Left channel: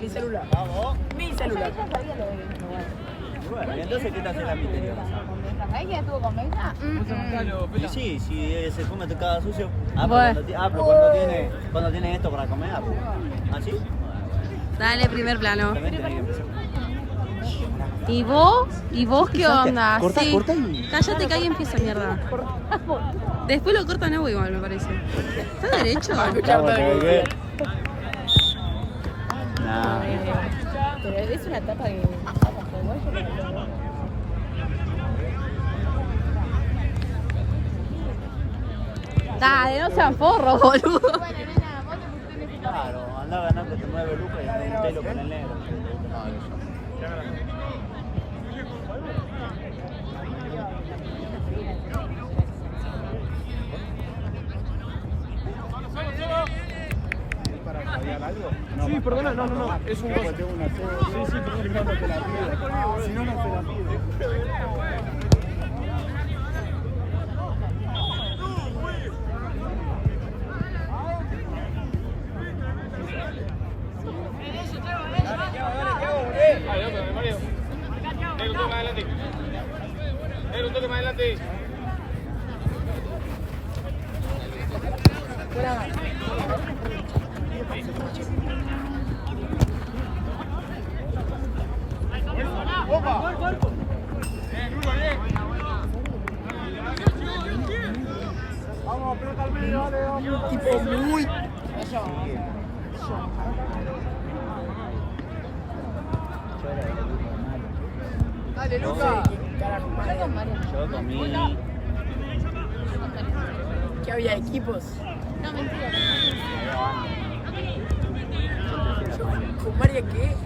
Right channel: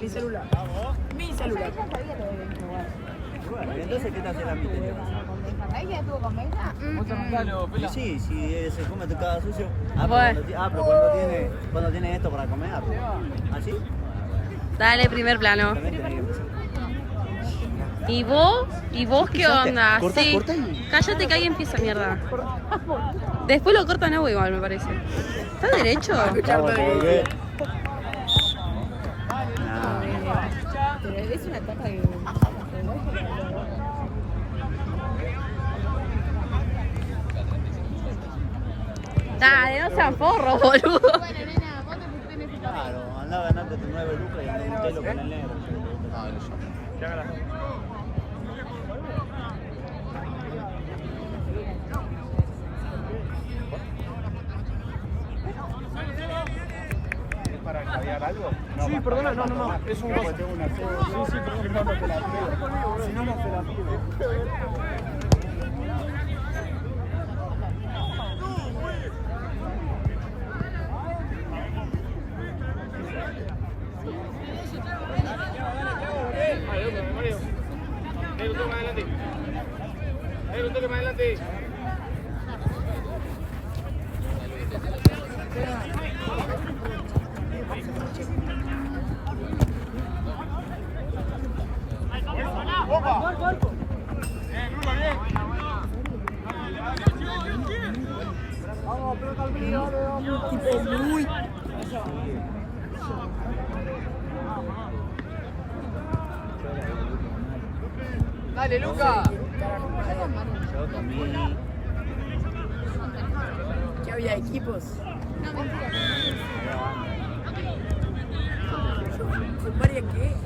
Mi celular. Mi celular. Bueno, ¿y entonces qué te hace la misteriosa? ¿Ella estuvo con Belsa? Y sí, si se come cada sucio. Bueno. Pero cuando tiene esto para comer. ¿Ah, sí? Dale, primer plano. También tiene que empezar. ¿Y vos? ¿Y vos qué onda? Corta, Sí. corta y- Cállate que ahí empieza mierda. Después lo cortan a igual, me parece. ¿Está derecho? Vamos, porque- Pero es una etapa que... Dale, no sean forros, boludo. Claro, andaba ganando 9 lucas y un telo con el negro. Sí, perdón, no, es un goce. Sí, perdón, no, si no me Tipo muy. Dale, Luca. Yo para mí. Que había equipos. ¿Con María qué?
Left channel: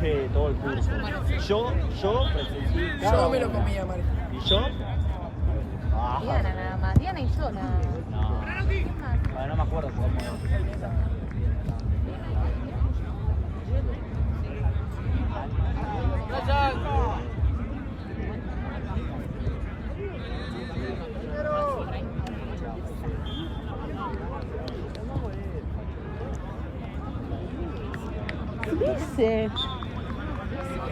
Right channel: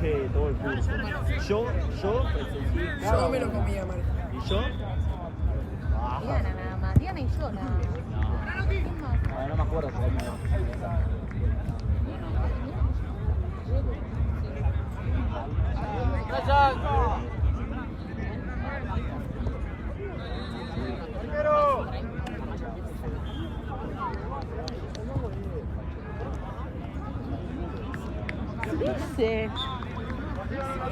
Sí, todo el curso. Yo presencié cada Yo me lo uno. comía, Marco. ¿Y yo? Diana nada más. Diana y yo nada más. Ah, no me acuerdo cómo era. Sí.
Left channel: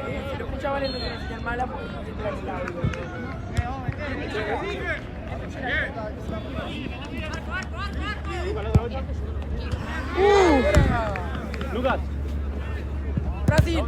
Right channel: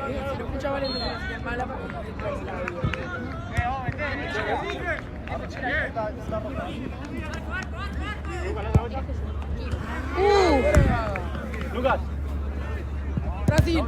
Si lo escuchaban en declaración mala, pues. Lucas. Brasil.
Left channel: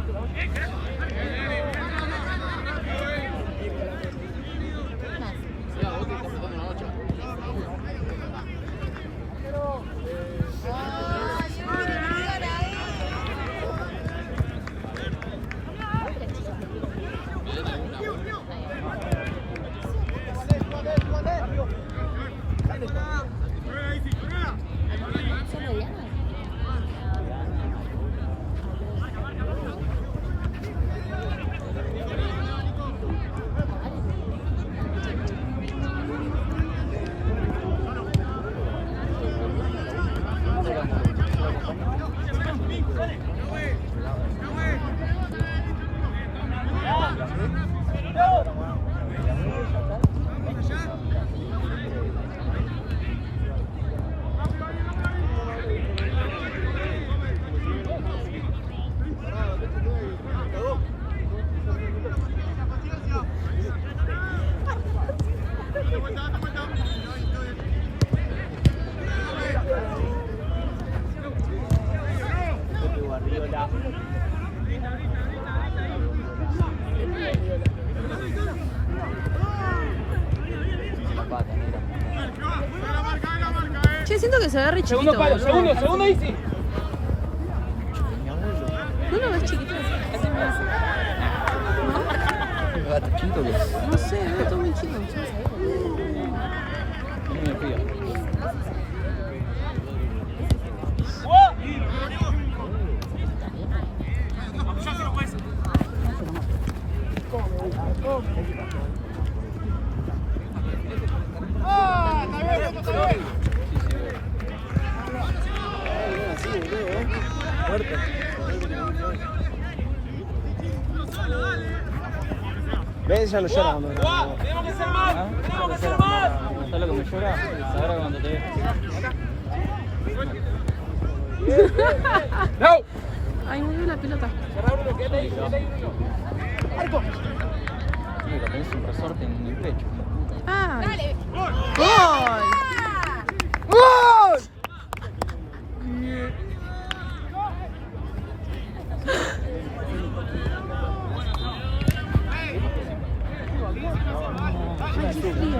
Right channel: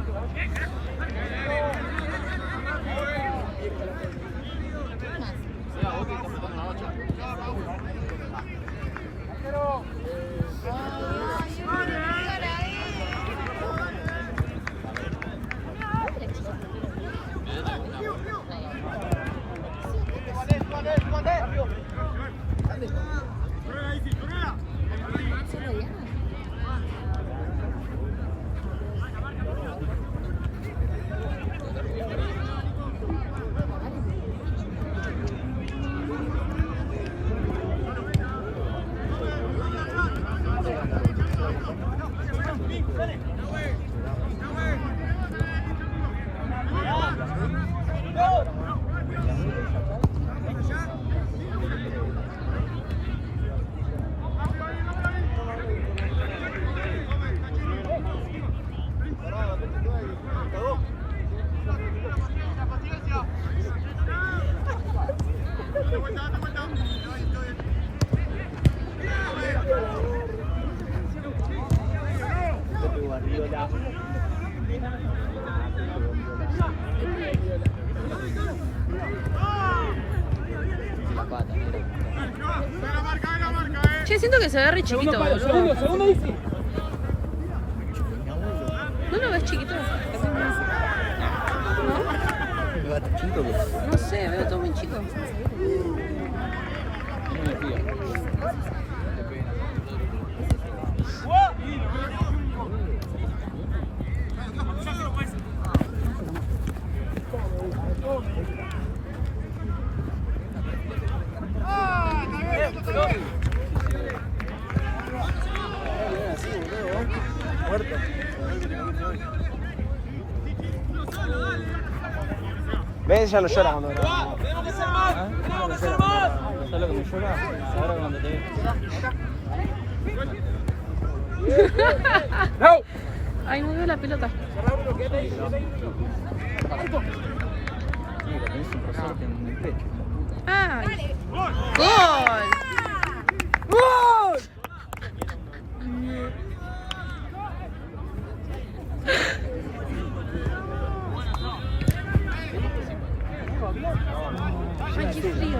Che, siento que se ve re chiquito, boludo. segundo, Isi. ¿No lo ves chiquito? ¿No? No sé, veo todo muy chico. Ves, ya lo llora cuando grabamos. ¿Sabes cómo llora? Ahora cuando te ve. Ay, no veo la pelota. Sí, lo tenés un resorte en el pecho. ¡Ay! ¡Gol! ¡Gol! Ay, qué frío.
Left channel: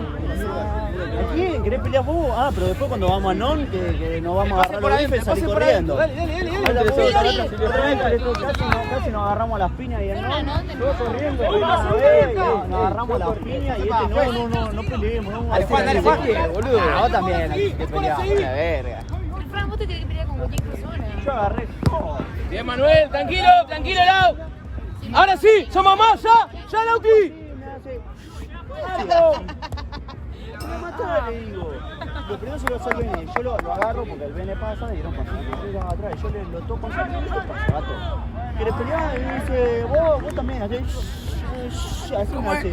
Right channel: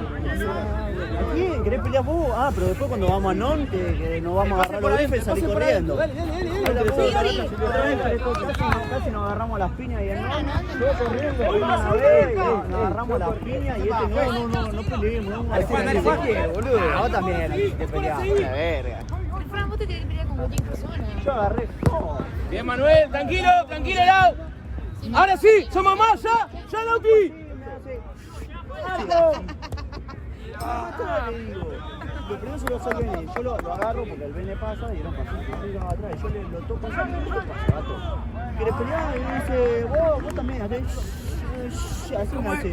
¿Qué? ¿Querés pelear vos? Ah, pero después cuando vamos a Non, que nos vamos a agarrar los bifes, salí corriendo. Dale. Casi nos agarramos las piñas y el Non, yo corriendo, nos agarramos las piñas y este no peleemos. Boludo, vos también, que peleamos, la verga. Fran, vos te tenés que pelear con cualquier persona. Yo agarré todo. Bien, Manuel, tranquilo, Lau. Ahora sí, somos más, ya, Lauti. Le digo, lo primero se lo hace el Bene, yo lo agarro porque el Bene pasa y no pasa, van atrás, yo lo toco así, ¿qué pasa, gato? ¿Querés pelear? Y dice, vos también, así me hace.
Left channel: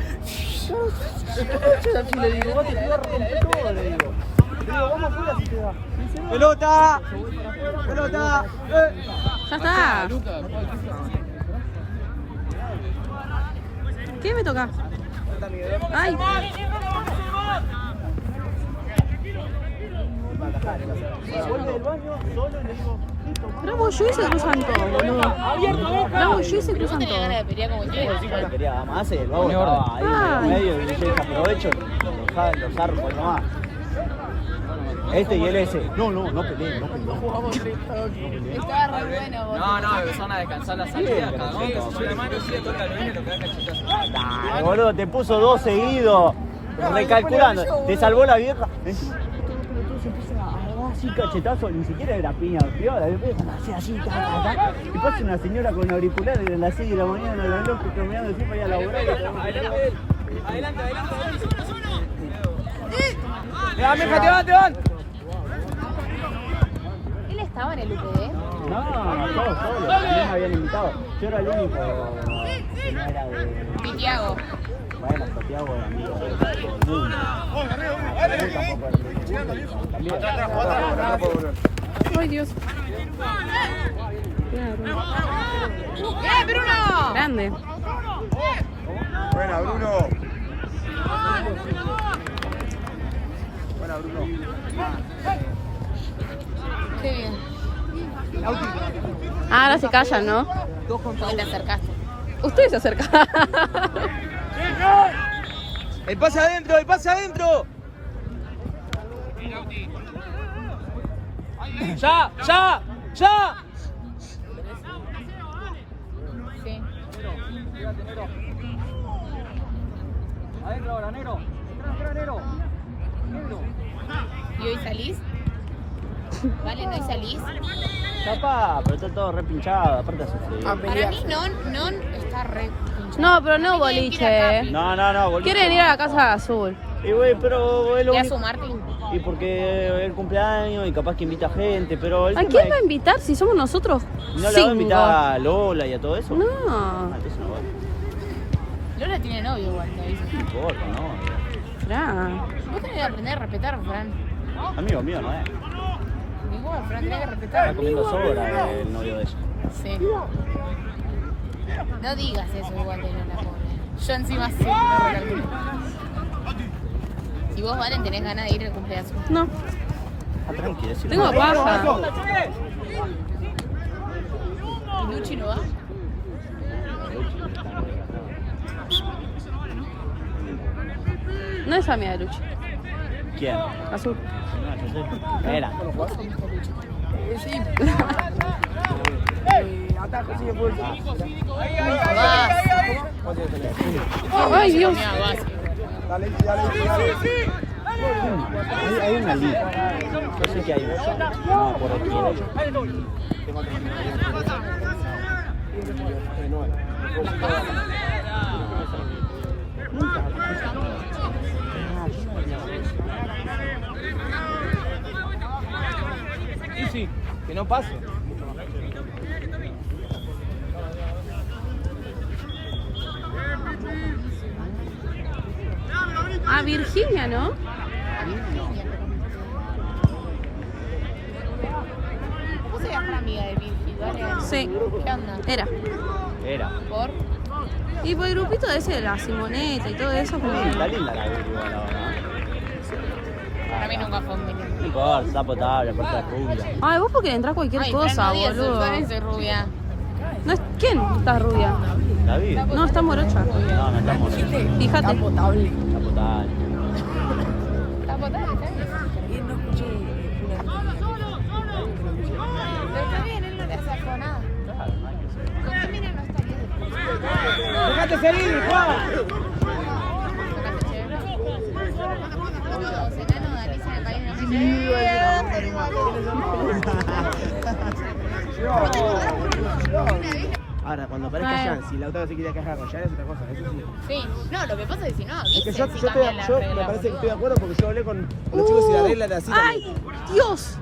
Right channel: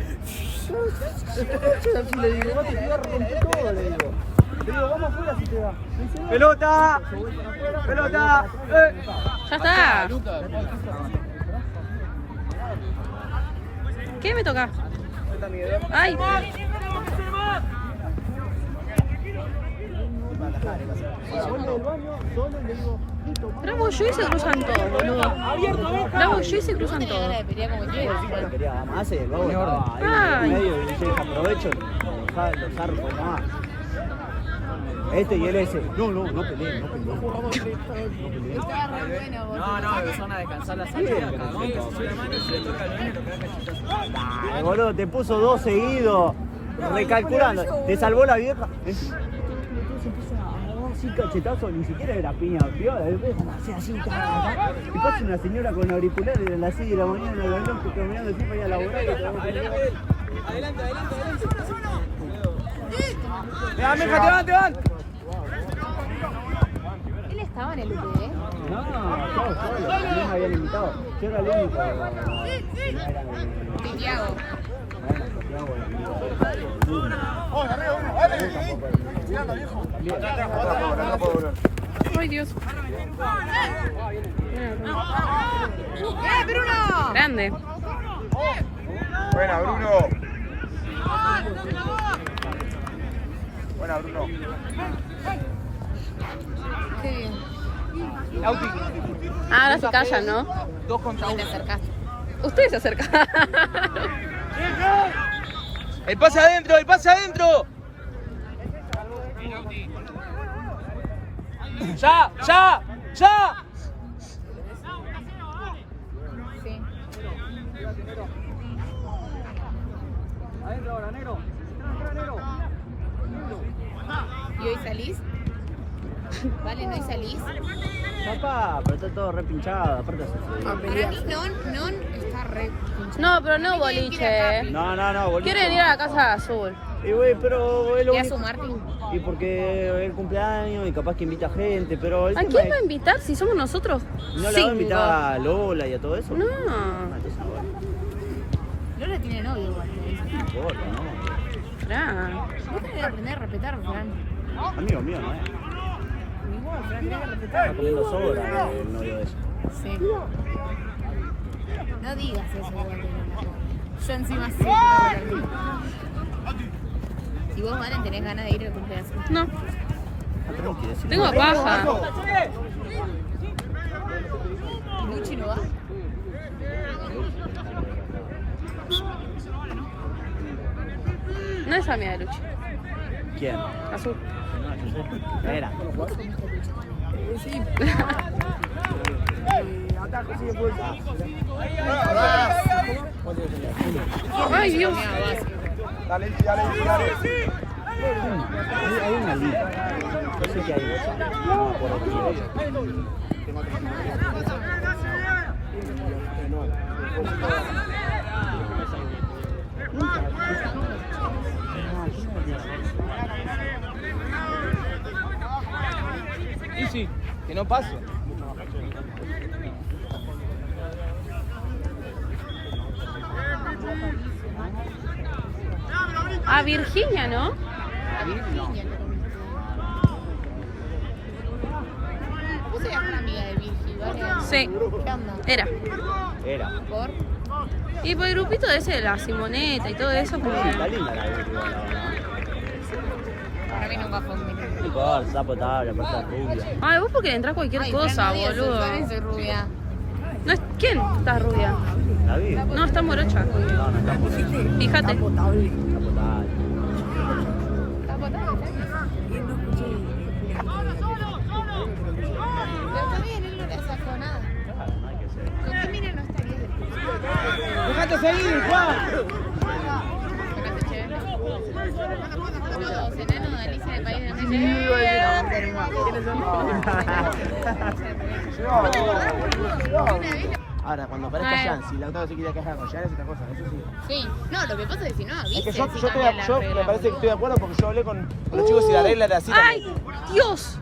Así le digo, vos te quedás con todo, le digo. Le digo, vamos afuera si te da. ¡Pelota! ¡Pelota! ¡Ya está! ¿Qué me toca? ¡Ay! Bravo, yo y se cruzan todos, boludo. Bravo, yo y se cruzan todos. Ganas de pelear con cualquier persona. Además, el vago estaba ahí en el medio y yo dije, aprovecho los arcos nomás. Este y el ese. No peleen. Estaba re bueno, boludo. No, empezaron a descansar la salida. Cada uno se sube la mano y si le toca al Bene, lo que haga cachetazo. Boludo, te puso 2 seguidos. Recalculando. Te salvó la vieja. Se empieza a agarrar así cachetazo. Ni siquiera era piña. Piola. Así. Y pasa una señora con auriculares a las 6 de la mañana en el reloj que terminando de decir, vaya a laburar. Adelante. Te van. Él estaba en el UPD. No, todos solos. También me habían invitado. Yo era el único que no era de... Santiago. Bueno, Santiago, amigo. ¡Ay, Dios! Bruno! Grande. Buena, Bruno. Qué bien. Ah, no se callan, ¿no? ¿Dónde te acercaste? Ustedes se acercan. El pase adentro. ¡Ya! Sí. Adentro ahora, negro. ¿Y hoy salís? Vale, ¿no hoy salís? Papá, pero está todo repinchado. Aparte hace frío. Para mí, non está re pinchado. No, pero no boliche. No, boludo. Quieren ir a la casa azul. Y güey, pero es lo ¿Le a único. su Martín? Y porque es el cumpleaños y capaz que invita gente, pero el ¿A tema quién es- va a invitar si somos nosotros? ¿No le va a invitar a Lola y a todo eso? No. Lola tiene novio igual, ¿no? Dice. No importa, no. Fran. Vos tenés que aprender a respetar, Fran. Amigo mío, ¿no? Igual, Fran, tenés que Está respetar. comiendo sobra el novio de ella. Sí. No digas eso igual de Lola. Yo encima sí, no lo Si vos, Valen, tenés ganas de ir al cumpleaños. No. Ah, tranqui, decilo. Tengo paja. ¿Y Luchi no va? No es amiga de Luchi. ¿Quién? Azul. Era. Ay, Dios. Hay una liga. No sé qué hay. No, por quién es. Sí, que no pase. A Virginia, ¿no? No. Vos sos una amiga de Virgi, ¿vale? Sí, ¿Qué onda? era. Era. ¿Por? Y por el grupito ese de la Simoneta y todo eso, como Está que... linda la Virgo, la verdad. Para mí nunca fue un mini. No importa, está potable, cosa rubia. Ay, vos porque le entrás cualquier Ay, cosa, Fran, no digas boludo. eso, soy rubia. No es... ¿Quién está rubia? ¿La vi? No, está morocha. No, me está Fíjate. Potable. potable. ¿Está potable? Y no escuché. Está bien, él no te hace nada. Claro, no hay que ser. Con Camila no está bien. Dejate seguir, Juan. Los enanos de Alicia en el País de Ahora, cuando aparezca Jan, si Lautaro se quiere quejar con Jan es otra cosa, eso sí. Sí, no, lo que pasa es que si no, Es que avisen yo, si yo, estoy, cambian la yo me regla, parece que boludo. estoy de acuerdo porque yo hablé con los chicos y la regla era así. ¡Ay! ¡Dios!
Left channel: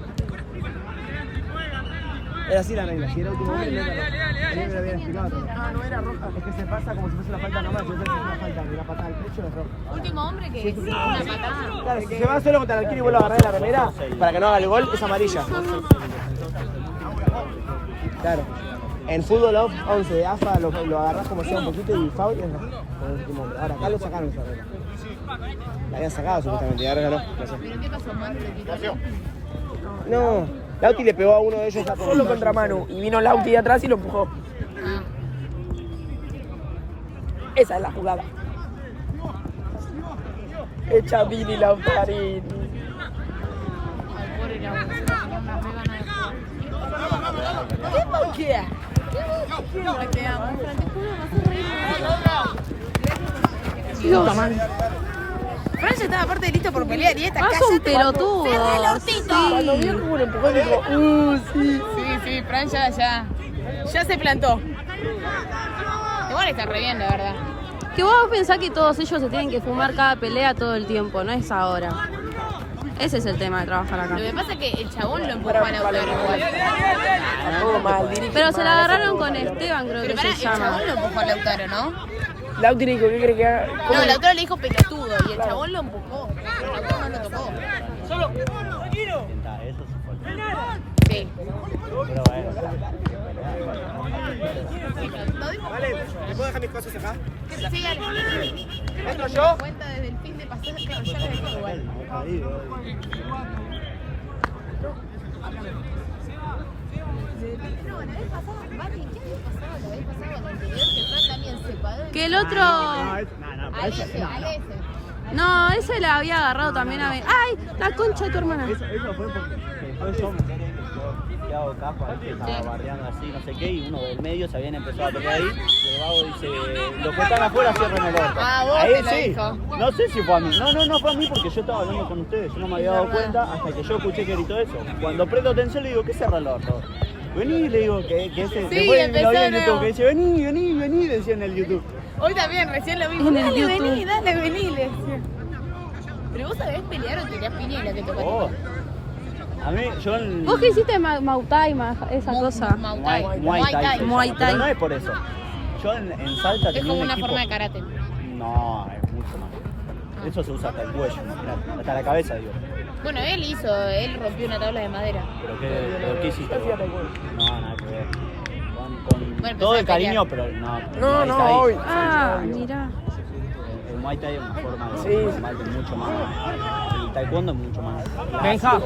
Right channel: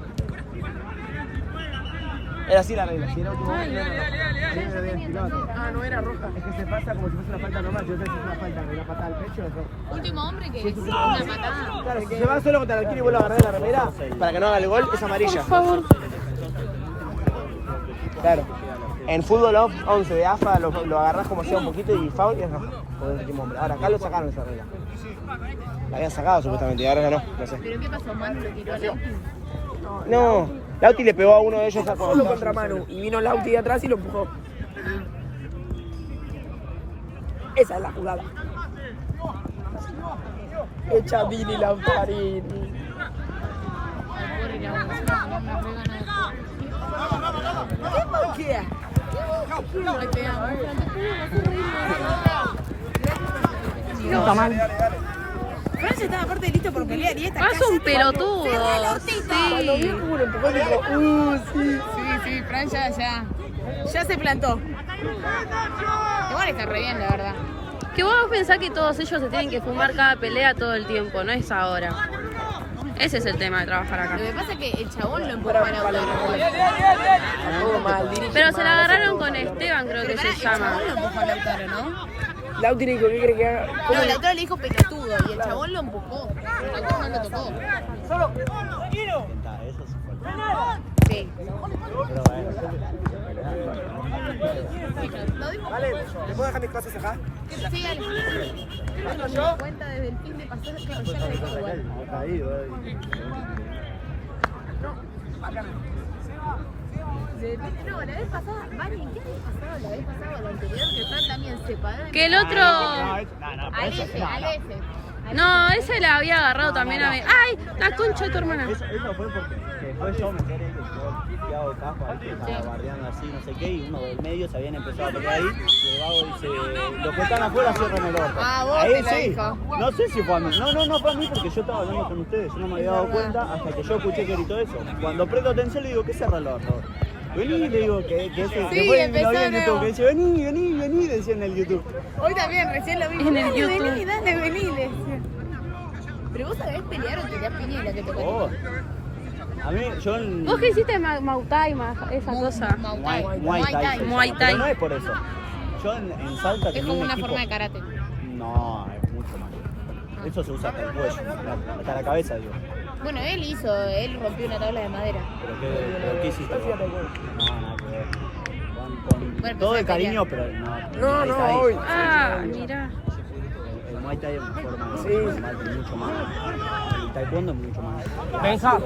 Era así la regla, si era último hombre, no era roja. A mí me lo habían explicado también. Ah, no era roja. Es que se pasa como si fuese una falta normal, si no es una falta de una patada al pecho, no es roja. Último hombre que sí, una patada. Claro, si se va solo contra el arquero y vuelve a agarrar la remera para que no haga el gol, es amarilla. Claro. En fútbol 11 de AFA lo agarrás como sea un poquito y foul y es rojo. Ahora acá lo sacaron esa regla. La habían sacado supuestamente y ahora ya no, no sé. ¿Pero qué pasó? ¿Manu le tiró a Lauti? No, Lauti le pegó a uno de ellos Solo contra Manu. Y vino Lauti de atrás y lo empujó. Ah. Esa es la jugada. Echa Vini Lautarini. ¿Qué moquea? Dios. Francia estaba aparte listo por pelear y esta Ah, son pelotudos. Cuando Sí. vio como lo empujó, dijo, sí. Sí, Fran ya se plantó. Igual está re bien, la verdad. Que vos pensás que todos ellos se tienen que fumar cada pelea todo el tiempo, no es ahora. Ese es el tema de trabajar acá. Lo que pasa es que el chabón lo empujó a Lautaro. Todo mal, dirige. Pero se la agarraron con Esteban, creo Pero que pará, se el llama. chabón lo empujó a Lautaro, ¿no? Lauti le dijo, ¿qué crees que haga? No, Lautaro le dijo pelotudo y el chabón lo empujó. Lautaro no lo tocó. Sí. Vale, ¿le puedo dejar mis cosas acá? Sí. ¿Entro yo? Cuenta desde el fin de pasar, claro, ya lo dejé igual. No, la vez pasada, Mari, ¿qué había pasado la vez pasada o la anterior? Que Fran también se paró. Que el otro... Al ese. No, ese la había agarrado también a mí. ¡Ay! La concha de tu hermana. Eso fue porque después yo me enteré que quedó piteado de capa, ¿viste? Estaba bardeando así, no sé qué, y uno del medio se habían empezado a tocar ahí, y el Gabo dice, lo cortan afuera, así con el otro. Ah, vos Ahí te lo sí, dijo. no sé si fue a mí, no fue a mí porque yo estaba hablando con ustedes, yo no me había dado cuenta hasta que yo escuché que gritó eso. Cuando presto atención le digo, ¿qué cerra el orto? Vení, le digo, que ese, después vi empezó en de YouTube, nuevo. que dice, vení, decía en el YouTube. Hoy también, recién lo vi. En el Dale, YouTube. vení, le decía. Pero vos sabés pelear o tenías piña y la que te Oh. tocó. A mí, yo en... ¿Vos qué hiciste Mautai, esa cosa? Muay Thai. Muay Thai. Muay Thai. Pero no es por eso. Yo en Salta Es tenía como un una equipo... forma de karate. No, es mucho más. Eso se usa hasta el cuello, hasta la cabeza, digo. Bueno, él rompió una tabla de madera. ¿Pero qué hiciste? No, nada que ver. Bueno, Todo de empezó a cariño, pelear. pero no. No, Muay no, Thai- hoy. Ah, mirá. El Muay Thai es una forma de Sí. combate mucho más. El Taekwondo es mucho más. Deja.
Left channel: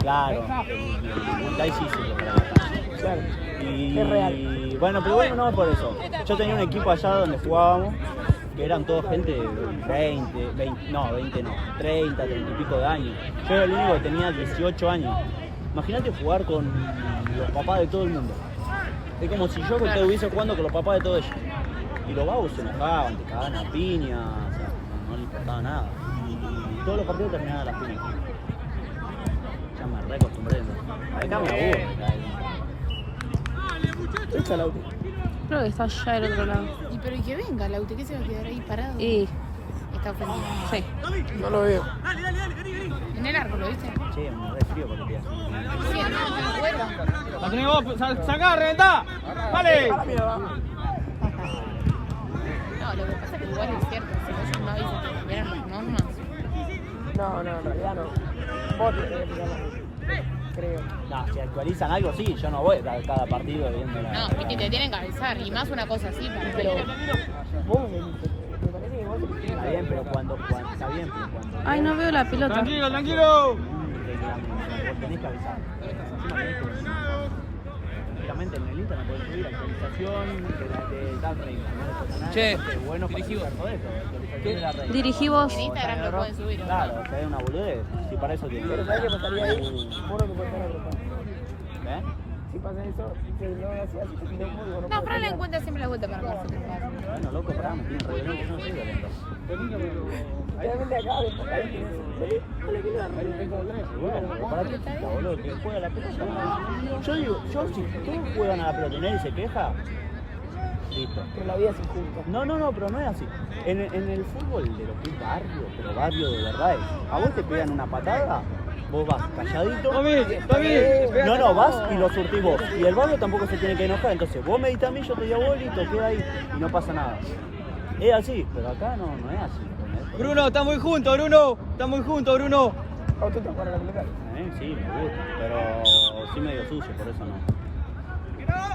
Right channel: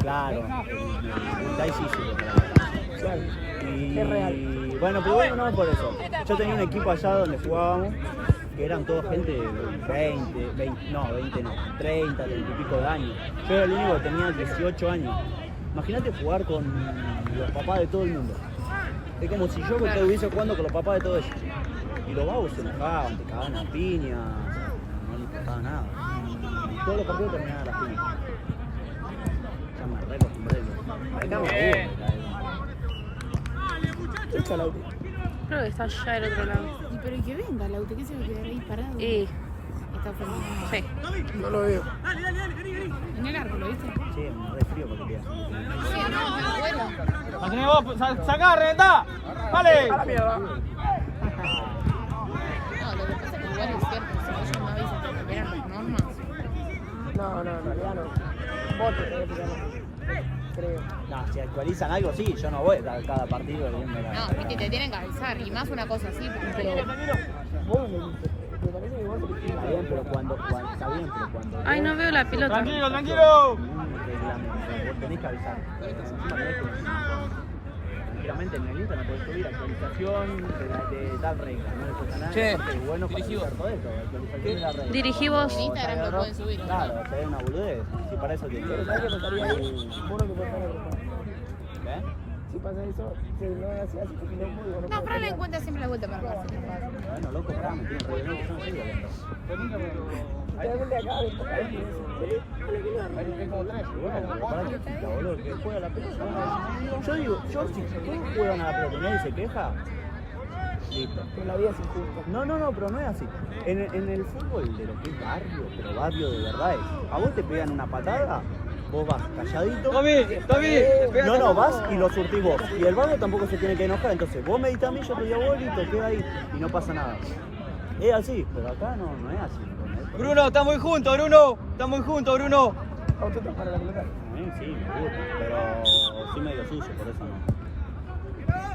Claro. El Muay Thai sí, sí. Y, Es real. bueno, pero bueno, no por eso. Yo tenía un equipo allá donde jugábamos, que eran toda gente de 20 no, 30 y pico de años. Yo era el único que tenía 18 años. Imagínate jugar con los papás de todo el mundo. Es como si yo estuviese jugando con los papás de todos ellos. Y los babos se enojaban, te cagaban a piña, o sea, no les importaba nada. Y todos los partidos terminaban a las piñas. Ya me reacostumbré. Acá me aburro. Echa Lauti. Creo que está allá del otro lado. Y pero y que venga, Lauti, que se va a quedar ahí parado. Y... Está ofendido. Sí. No lo veo. En el árbol, ¿lo viste? Che, me re frío porque te Sí, hermano, pero bueno. Así vos, sacá, reventá. Vale. No, lo que pasa es que igual es cierto, si no son novios, se pelearon con unos. No, en realidad no. Vos te crees que no. creo. No, si actualizan algo, sí, yo no voy a estar cada partido viendo la... No, es que te tienen que avisar. Y más una cosa así. Pero... Vos me dijiste. Pero también igual. Está bien, pero cuando está bien, pero cuando... Ay, no veo la pelota. Tranquilo. Vos tenés que avisar. Prácticamente en el Insta no podés subir actualización de tal regla. Che, bueno, dirigido. Dirigimos. En Instagram lo pueden subir. Claro, es una boludez. Si para eso te quieres. Si pasa eso, que no hacías. No, pero la encuentra siempre la vuelta para abajo. Bueno, loco, pará, me tiene que ver, yo no sé. Realmente acá. Yo digo, si todos juegan a la pelota y nadie se queja, listo. Que la vida se junta. No, pero no es así. En el fútbol de lo que es barrio, pero barrio de verdad es, a vos te pegan una patada, vos vas calladito. No, vas y lo surtís vos. Y el barrio tampoco se tiene que enojar, entonces vos me diste a mí, yo te di a vos y te queda ahí y no pasa nada. Es así, pero acá no es así. Bruno, estamos muy juntos, Bruno. ¿O tú te acuerdas de la pelota? Sí, me gusta, pero sí medio sucio, por eso no.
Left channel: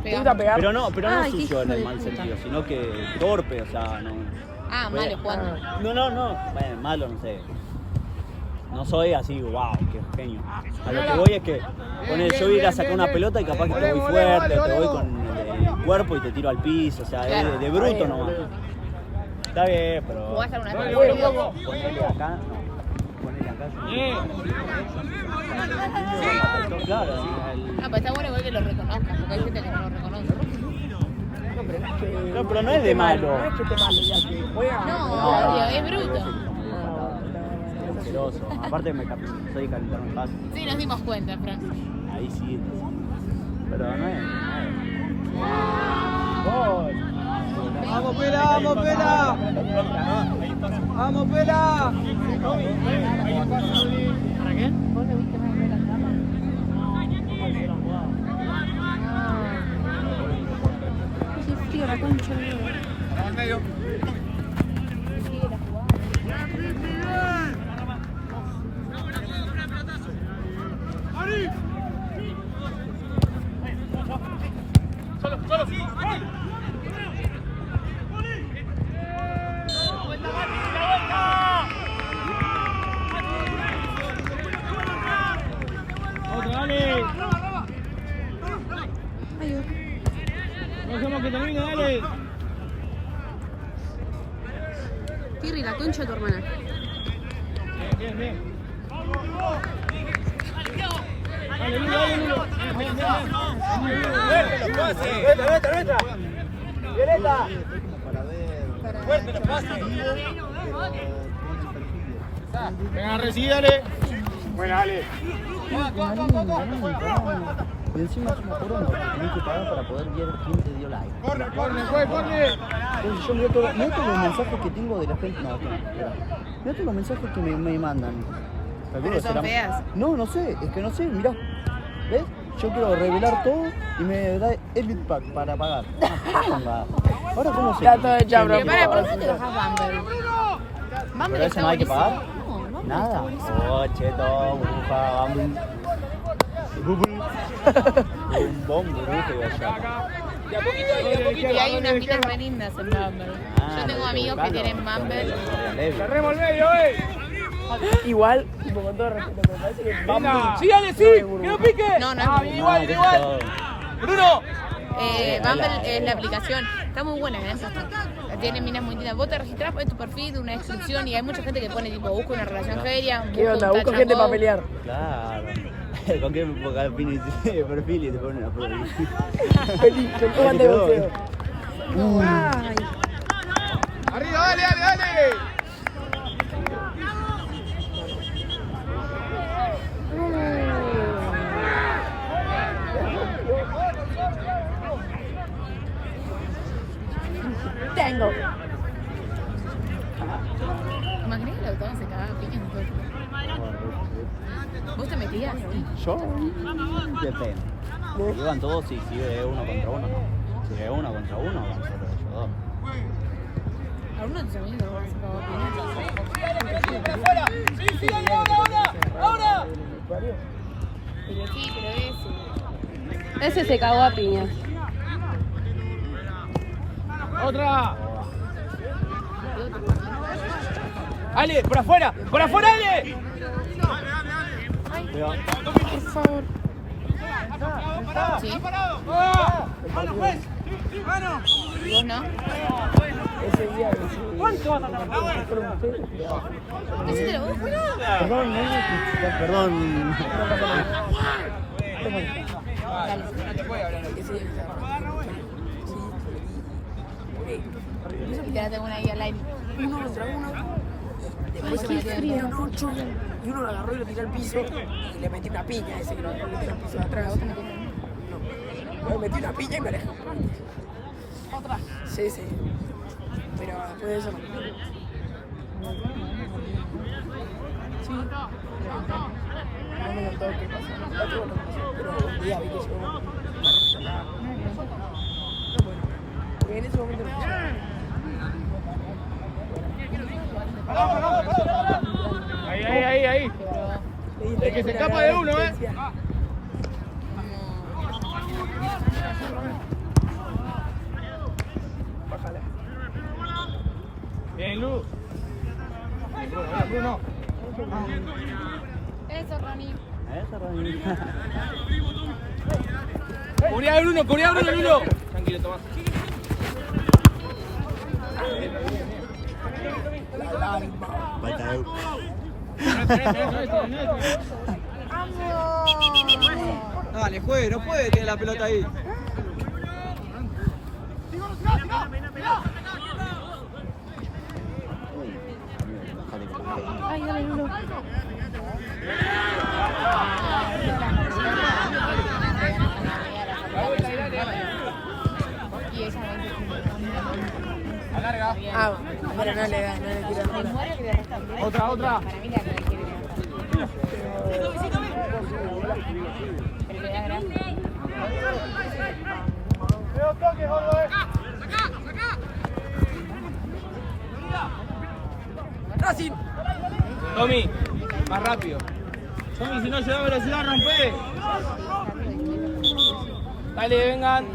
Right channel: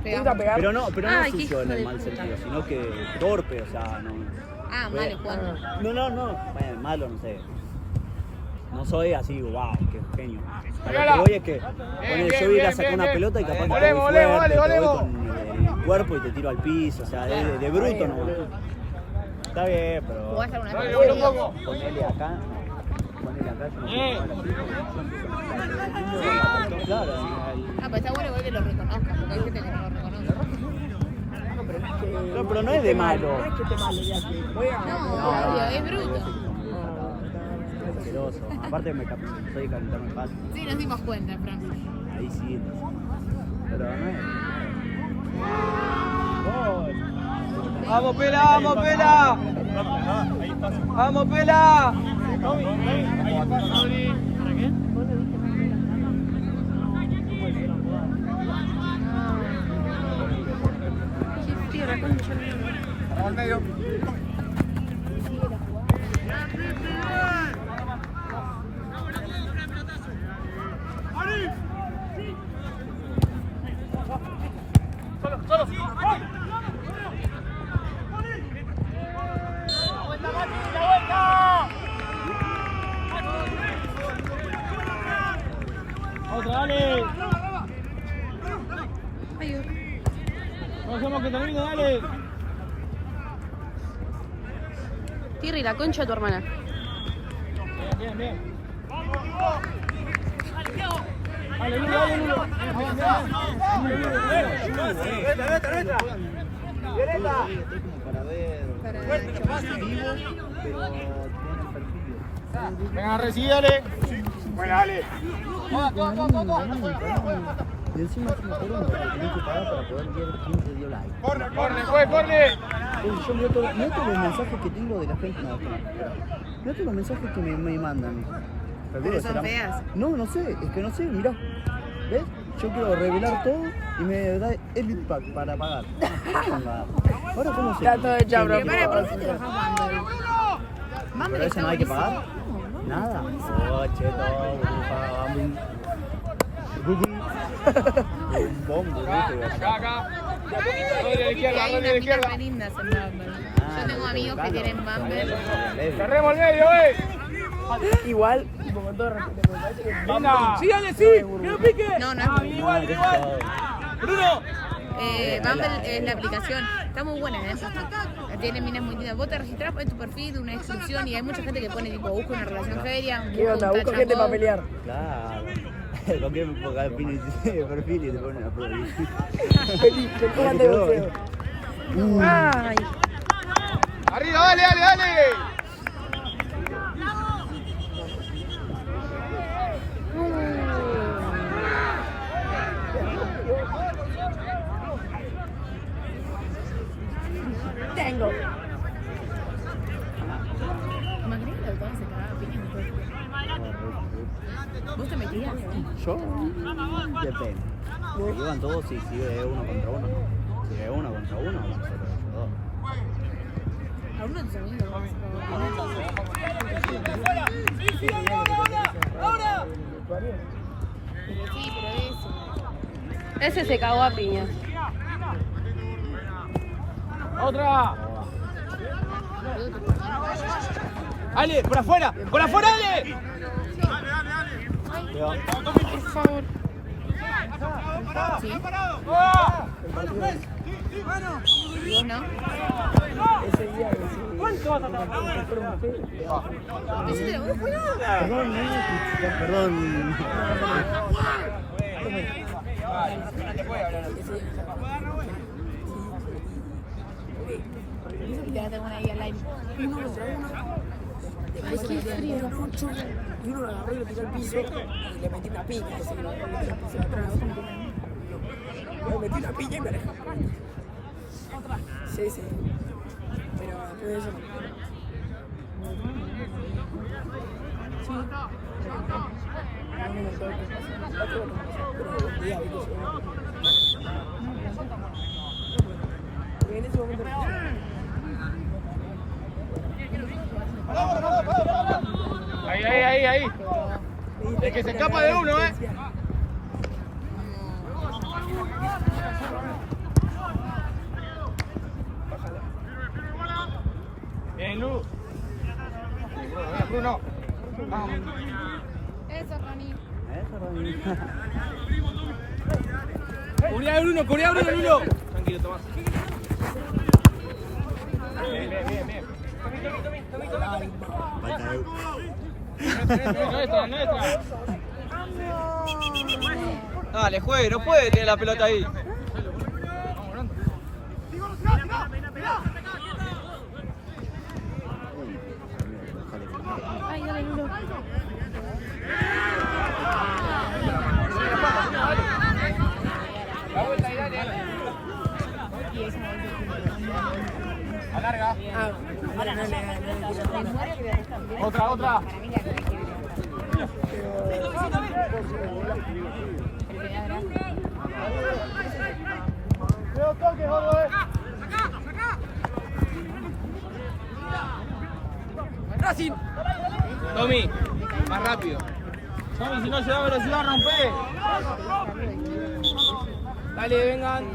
¿Te gusta pegar? Pero no Ay, qué sucio en hijo el de mal puta. sentido, sino que torpe, o sea, no. Ah, malo jugando. No, malo, no sé. No soy así, wow, qué genio. A lo que voy es que yo voy a ir a sacar una pelota y capaz que te voy fuerte, te voy con el cuerpo y te tiro al piso, o sea, de bruto nomás. Está bien, pero... ¿Jugás alguna vez? Ponele acá, no. Claro, Ah, pues está bueno igual que lo reconozcan, porque hay gente que no lo reconoce. no, pero no es de malo. No es que te malo, ya que juega. No, obvio, es bruto. Asqueroso. Aparte me soy calentar un pan. Sí, nos dimos cuenta, Frank. Ahí sí. Pero no es. Gol. Vamos, Pela. Vamos, Pela. Tío, la concha. Vamos al medio. Ay, Dios. No dejemos que termine, dale. Tirri, la concha de tu hermana. Bien. Dale, Lulo. Para ver. Venga, recibe, dale. Y encima es una corona que tenés que pagar para poder ver quién te dio like. Corre. Yo miro todos los mensajes que tengo de la gente. No, mira todos los mensajes que me mandan. Pero son feas. No sé, es que no sé, mirá. ¿Ves? Yo quiero regular todo y me da Elite Pack para pagar. Ahora cómo se... Está todo hecho, bro. Pero para, ¿por qué no te bajas Bumble? Bumble ¿Pero eso está no hay que buenísimo. pagar? No, Nada. Oh, cheto, burbuja, Bumble. Y hay unas minas re lindas en Bumble. Yo tengo amigos que tienen Bumble. Igual, tipo, con todo respeto, me parece que. Vamos. Sí, dale, sí, que no pique. No, Igual. Bruno. Bumble es la aplicación. Está muy buena, ¿eh? Tiene minas muy lindas. Vos te registrás, pones tu perfil, una descripción y hay mucha gente que pone tipo, busco una relación seria. ¿Qué onda? Busco gente para pelear. Claro. Cualquier perfil y te ponen una foto. Feliz, que pongan de boxeo. Ay. Arriba, dale. Tengo. Imagínate que la doctora se cagaba piña en todo el tiempo. ¿Vos te metías? Yo, depende. Si iban todos, sí, si ve uno contra uno. Si ve uno contra uno, vamos a hacer ellos dos. ¿Alguno de tus amigos no se cagaba piña? Pero sí, pero Ese se cagó a piña. ¡Otra! ¡Ale! ¡Por afuera! ¡Por afuera, Ale! Por favor. sí. ¡Mano, juez! ¡Mano! ¿Y vos no? ¿Cuánto vas a tardar? Decítelo, vos fue nada. Perdón, perdón. Y te la tengo una ahí al aire. Uno contra uno. Después se metió en 8 y uno lo agarró y lo tiró al piso y le metí una piña a ese que lo tiró al piso de atrás. No. Le metí una piña y me alejé. ¿Otra? Sí, sí. Pero después de eso no. Sí. No me contó qué pasó. Otro no pasó. Pero un día vi que seguro que... Porque en ese momento no pasó. Ahí. Es que se escapa de uno, Lu. Bruno. Eso, Ronnie. Cubrí a Bruno, Bruno. Tranquilo, Tomás. Dale, juegue, no puede tener la pelota ahí. Ah, no le quiero. Otra. Tommy, más rápido. Tommy, si no se da velocidad, rompe. Dale, vengan.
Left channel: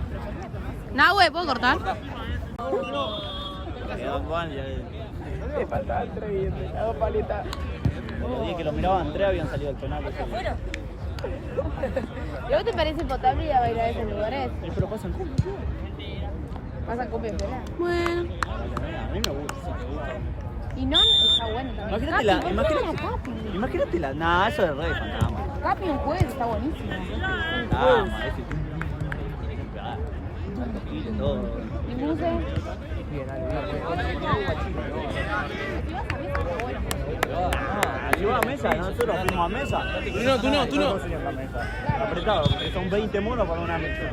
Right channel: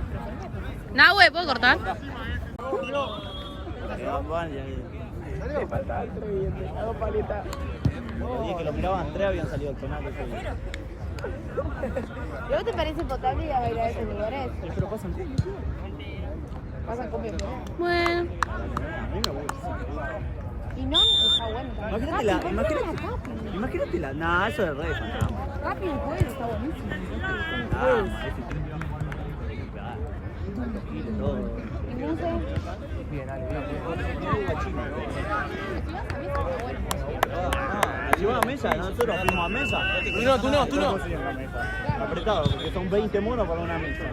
Nahue, ¿puedo cortar? Los días que lo miraban Andrea habían salido al penal. ¿Y a vos te parece potable ir a bailar a esos lugares? Pero pasan cumbias. ¿Pasan cumbia afuera? Bueno. A mí me gusta. Y no, está bueno también. Imagínate la. Nah, eso es re. Capi en el juego está buenísimo. Ese todo. Entonces, Llegó a mesa, nosotros fuimos a mesa. Tú no. Apretado, porque son 20 monos para una mesa.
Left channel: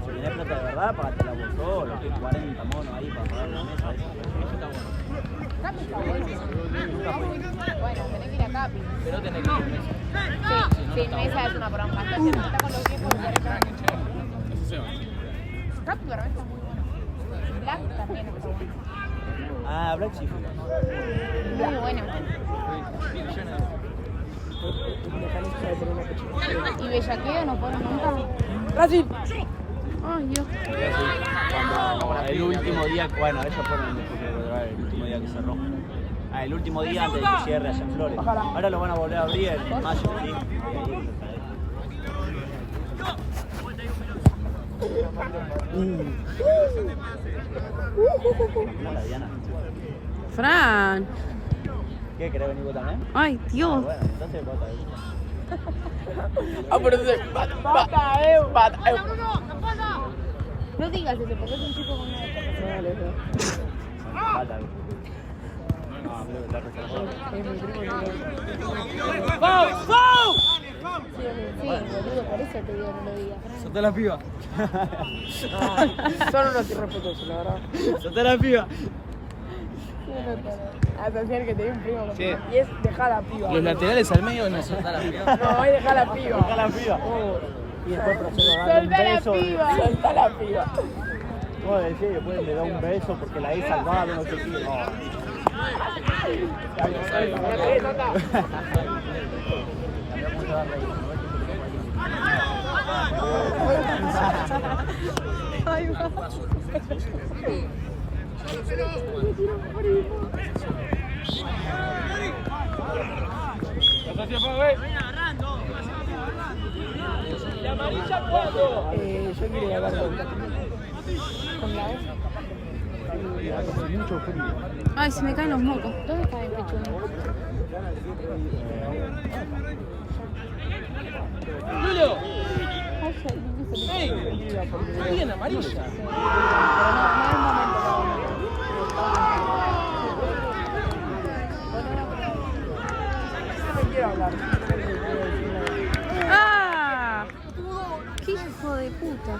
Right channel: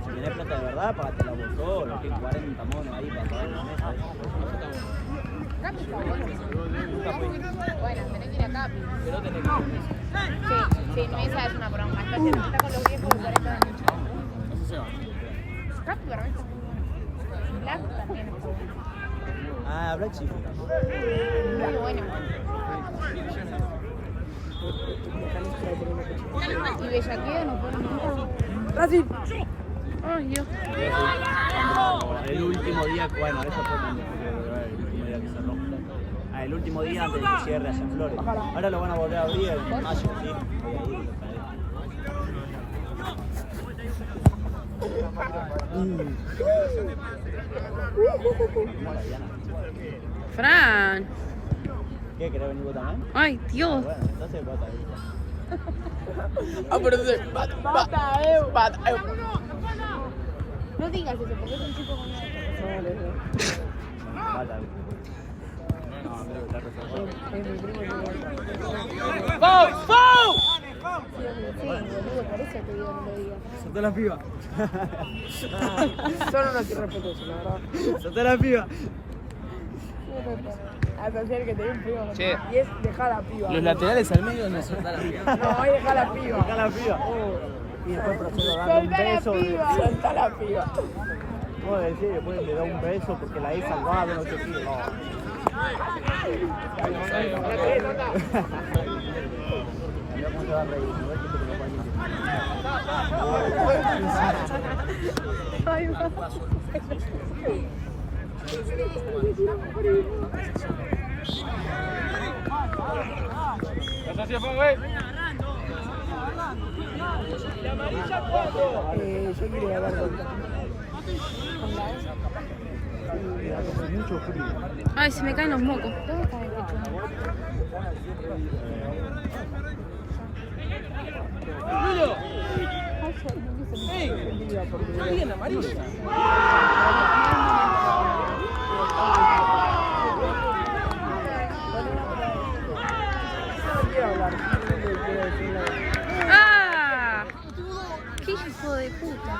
Si tenés plata de verdad, pagate la vos solo, tienes 40 monos ahí para pagar una mesa. Capi está buenísimo. Bueno, tenés que ir a Capi. Sí, mesa es una broma. Está con los viejos de la Capi, pero está muy bueno. Blanco también. Ah, Black sí. Muy bueno. ¿Y bellaqueo no fueron nunca? Brasil. Ay, Dios. Cuando el último día, bueno, eso fue el último día que cerró. El último día antes de que cierre allá en Flores. Ahora lo van a volver a abrir en mayo. Fran. ¿Qué? ¿Querés venir vos también? Ay, Dios. Bueno, entonces vas a ir. Ah, pero No digas eso, porque es un chico Sí, boludo, por eso te digo, no lo digas. Soltá la piba. son unos irrespetuosos, la verdad. Soltá la piba. Hasta hacer que te dé un primo. Sí. Y es dejar a piba. Los laterales al medio no soltá la piba. No, es dejar a piba. Acá la piba. Y después para un beso. Soltá la piba. No, decía, después le da un beso porque la hizo salvada, no sé qué. agarra y no ves que te Ay, no. Yo quiero agarrar. mucho frío. Ay, se me caen los mocos. ¿Dónde está el pechuga? ¡Ah! ¡Qué hijo de puta!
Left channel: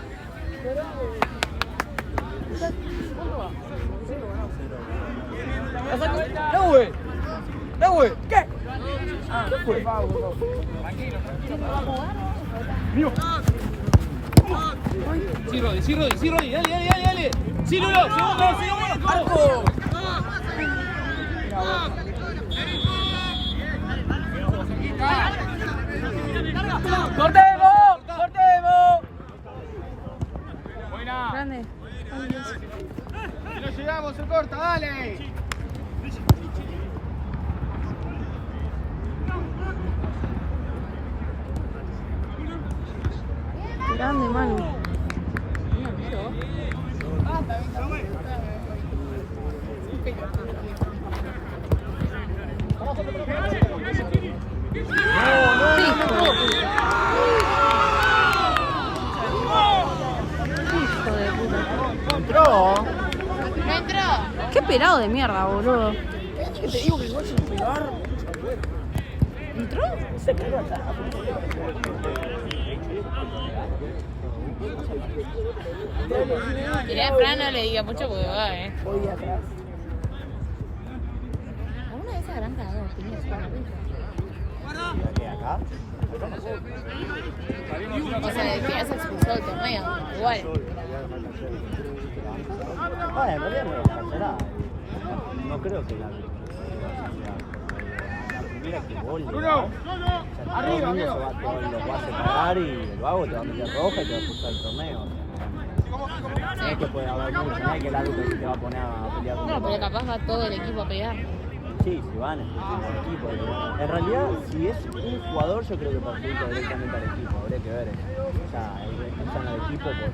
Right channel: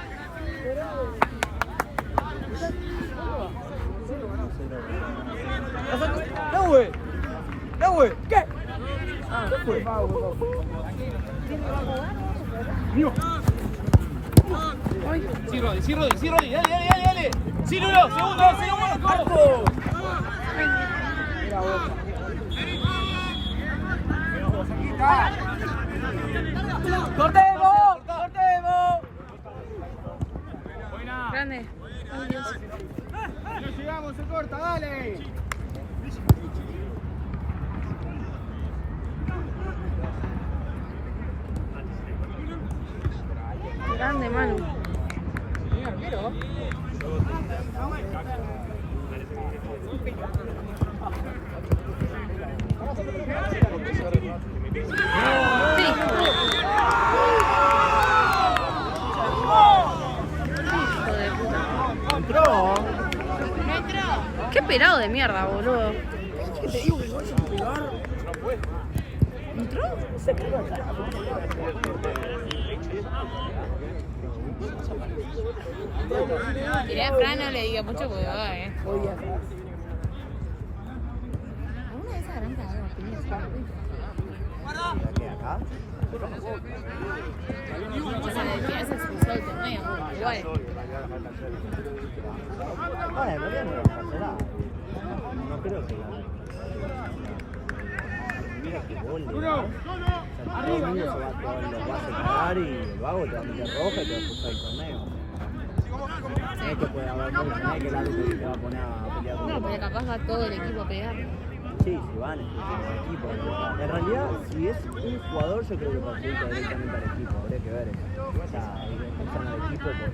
Ay. Sí, Rodri, dale. Sí, Lulo, segundo. ¡Cortemos! Grande. Ay, Dios. No llegamos, se corta, dale. Grande, Manu. Hijo de puta. Entró. No entró. Qué pelado de mierda, boludo. ¿Qué te digo que no sin pegar? ¿Entró? Se quedó acá. Mirá, Fran, no le diga mucho porque va, Voy atrás. ¿Alguna de esas habrán cagado las comidas para la pizza? O sea, de que has expulsado el torneo, igual. Bueno, en realidad no pasará. No creo que la. Mira que gol. Uno. Arriba, amigo. Lo vas a cagar y el vago te va a meter roja y te va a expulsar el torneo. No es que puede haber mucho, no es que el árbitro te va a poner a pelear con No, el pero capaz va todo el equipo a pegar. Sí, si van expulsando al equipo. En realidad, si es un jugador, yo creo que perjudica directamente al equipo. Habría que ver. O sea, expulsan al equipo por el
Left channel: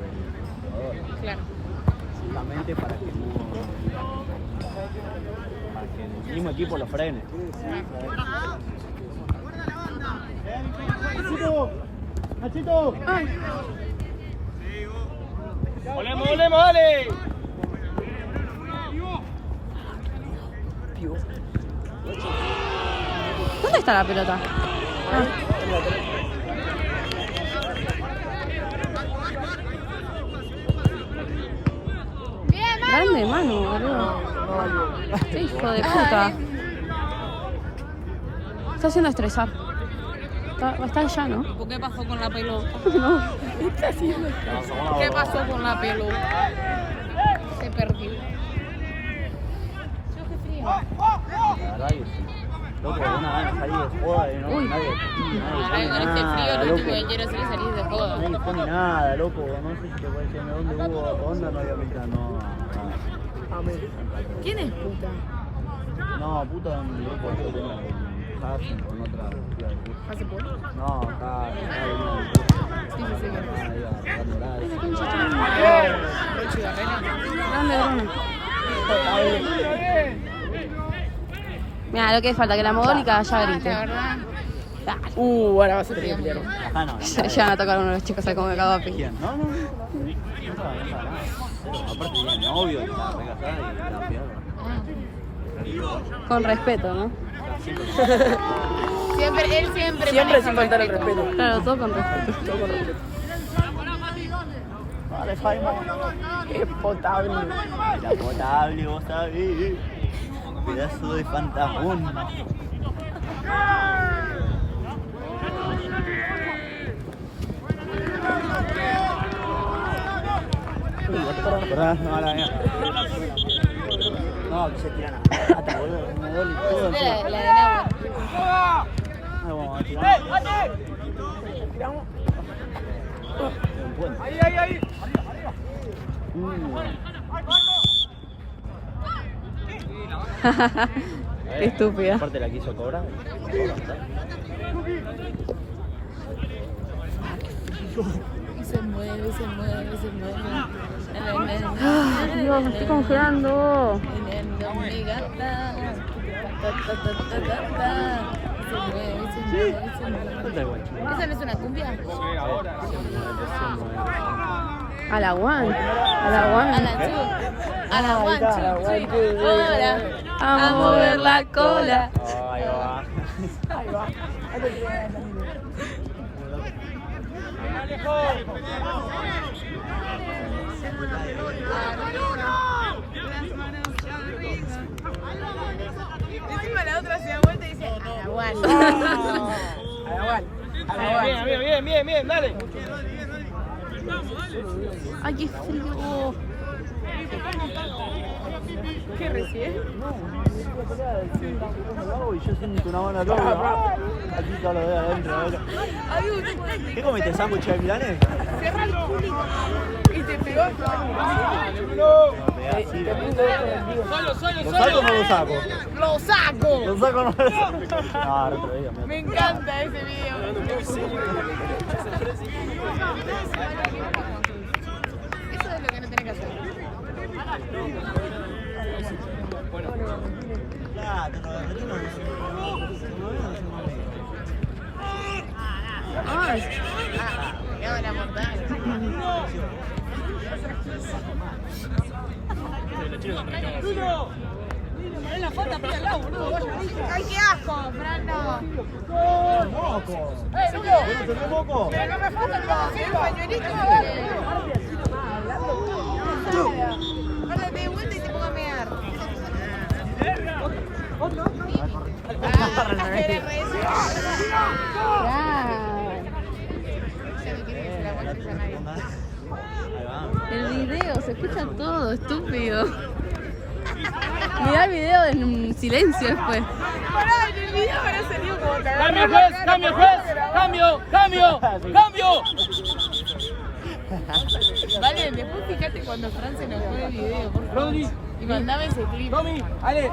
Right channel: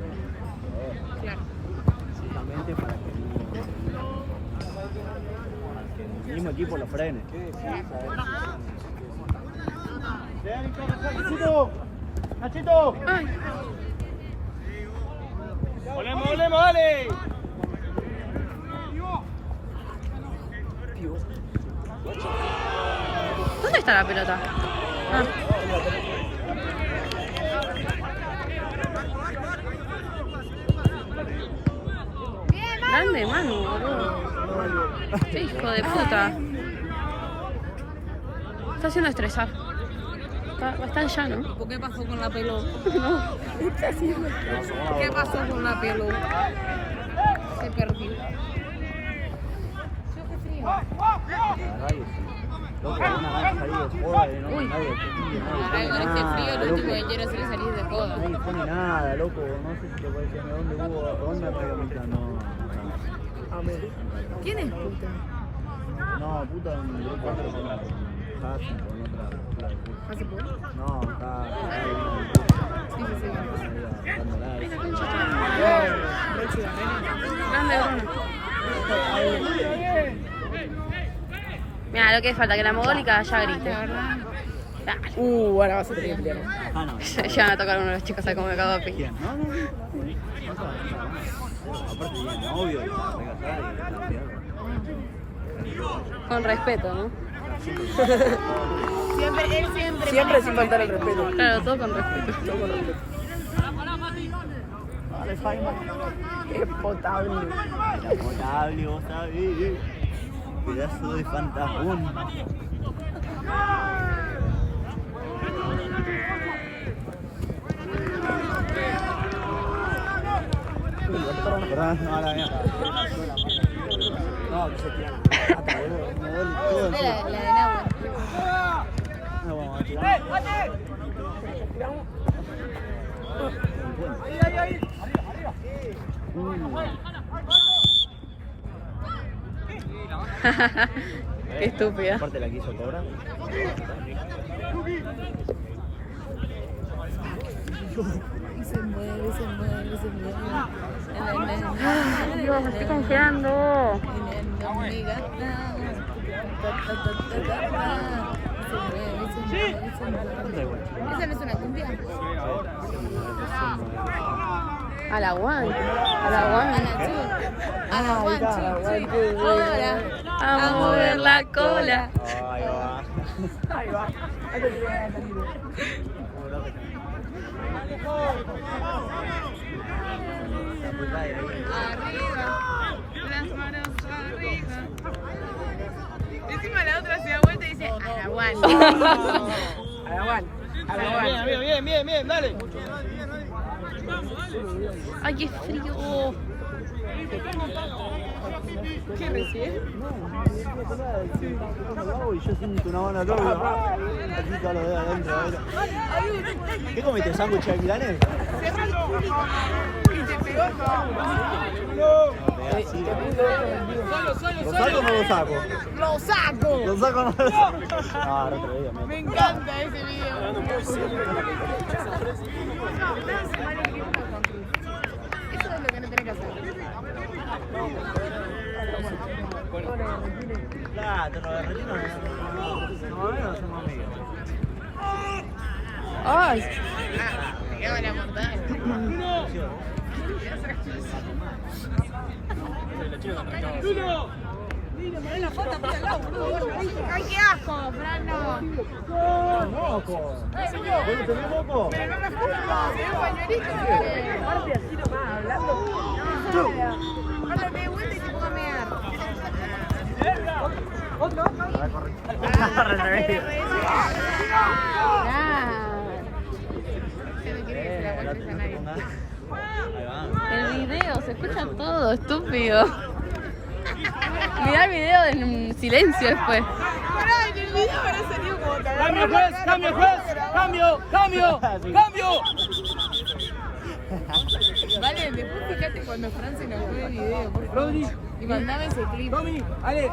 jugador. Claro. Justamente para que no. Para que el mismo equipo lo frene. Nachito. Ay. Volemos, dale. ¿Dónde está la pelota? Ah. Grande, Manu, boludo. Qué hijo de puta. Está haciendo estresar. Está ya, ¿no? ¿Por qué pasó con la pelota? No. ¿Qué pasó con la pelota? Se perdió. Yo hace frío. La verdad que sí. Loco, una van a salir de joda y no. Uy. Nadie Con este frío lo último que quiero hacer es salir de joda. Nadie pone nada, loco. No sé si te puede decir, ¿dónde vivo? ¿Dónde María Milka? No. ¿Quién es puta? No, puta, loco, yo tengo con otra. ¿Hace poco? No, acá. Sí, sí, sí. Ay, la concha está mal. Rechi Barrera. Grande, Bruno. Mira, lo que falta, que la mogólica ya La grite. verdad. Dale. Ahora va a ser el invierno. Acá no. Se llegan a tocar uno de los chicos ahí como me cago a pique. ¿Quién? No. Aparte tiene novio, y está re casada y Con respeto, ¿no? Siempre, él siempre. Siempre maneja sin faltar el respeto. Claro, todo con respeto. Vale, Jaime. Es potable. La potable, vos sabés. Pedazo de fantasmón. Perdón, no, que se tiran la pata, boludo. Me duele todo. La de Nahua. No, 50. Ahí. Arriba, arriba. Qué estúpida. Aparte la quiso cobrar. Y se mueve, se mueve, se mueve. Ay, Dios, me estoy congelando. Mi gata. Se mueve, se mueve, se mueve. ¿Esa no es una cumbia? A la one. A la A one. la two. A la one, two, three. Ahora. A mover la cola. Ahí va. Ahí va. Arriba. Las manos arriba. Encima la otra se da vuelta y dice a la one. A la Juan. A la Juan. Bien, dale. Ay, qué frío. ¿Qué recién? Y yo siento una buena loca. Aquí todo lo de adentro. ¿Qué comiste? ¿Sándwich de milanés? Cerra el culito. Y te pegó. ¿Lo saco o no lo saco? ¡Lo saco! ¿Lo saco o no lo saco? Ah, no te veía, Me encanta ese video. Eso es lo que no tenés que hacer. Claro, lo de retiro no somos amigos. Ay. Me quedo la mortal. ¡Ay, qué asco, Fernando! ¡Moco! ¿Vos tenés moco? Pero no me foto con el pañuelito. Aparte así nomás, hablando. Cuando te dé vuelta y te pongo a mear. El video, se escucha todo, estúpido. Mirá el video en silencio después. ¡Cambio! Vale, después fíjate cuando Fran se nos fue el video, por favor. Y mandame ese clip. Ale.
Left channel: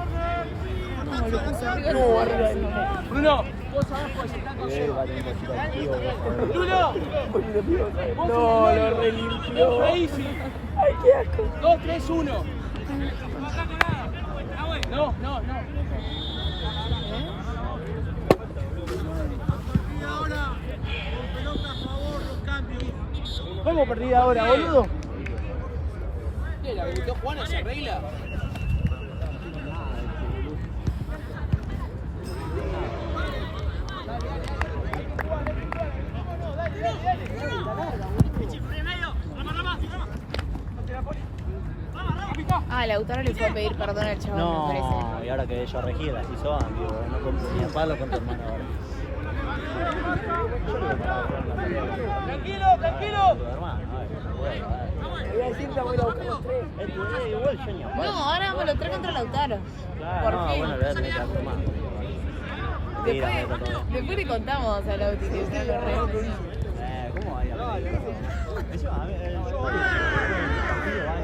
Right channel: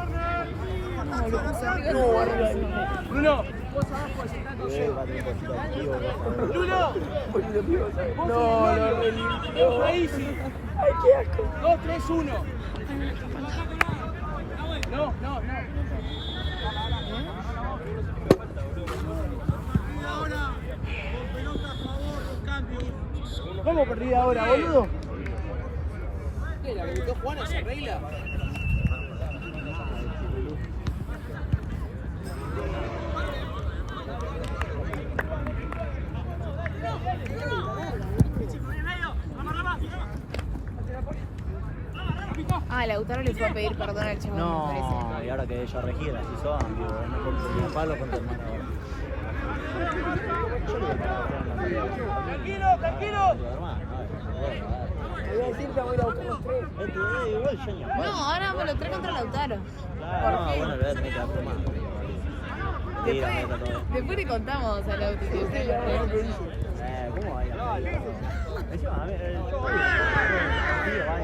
Como lo puso arriba del gorro. Bruno. No, lo relimpió. Easy. Ay, qué asco. 2, 3, 1. No. Ahora, con pelota a favor, los cambios. ¿Cómo perdí ahora, boludo? La habilitó Juana, se arregla. Ah, Lautaro le fue a pedir perdón al chabón, me parece. No, y ahora que yo regí las hizo, digo, no compro ni el palo con tu hermano. Tranquilo. No, ahora me lo trae contra Lautaro. ¿Por qué? Bueno, voy a tener que hacer más. Después le contamos a Lauti. ¿Cómo va a ir a la película? Eso, a ver, yo odio cuando el partido va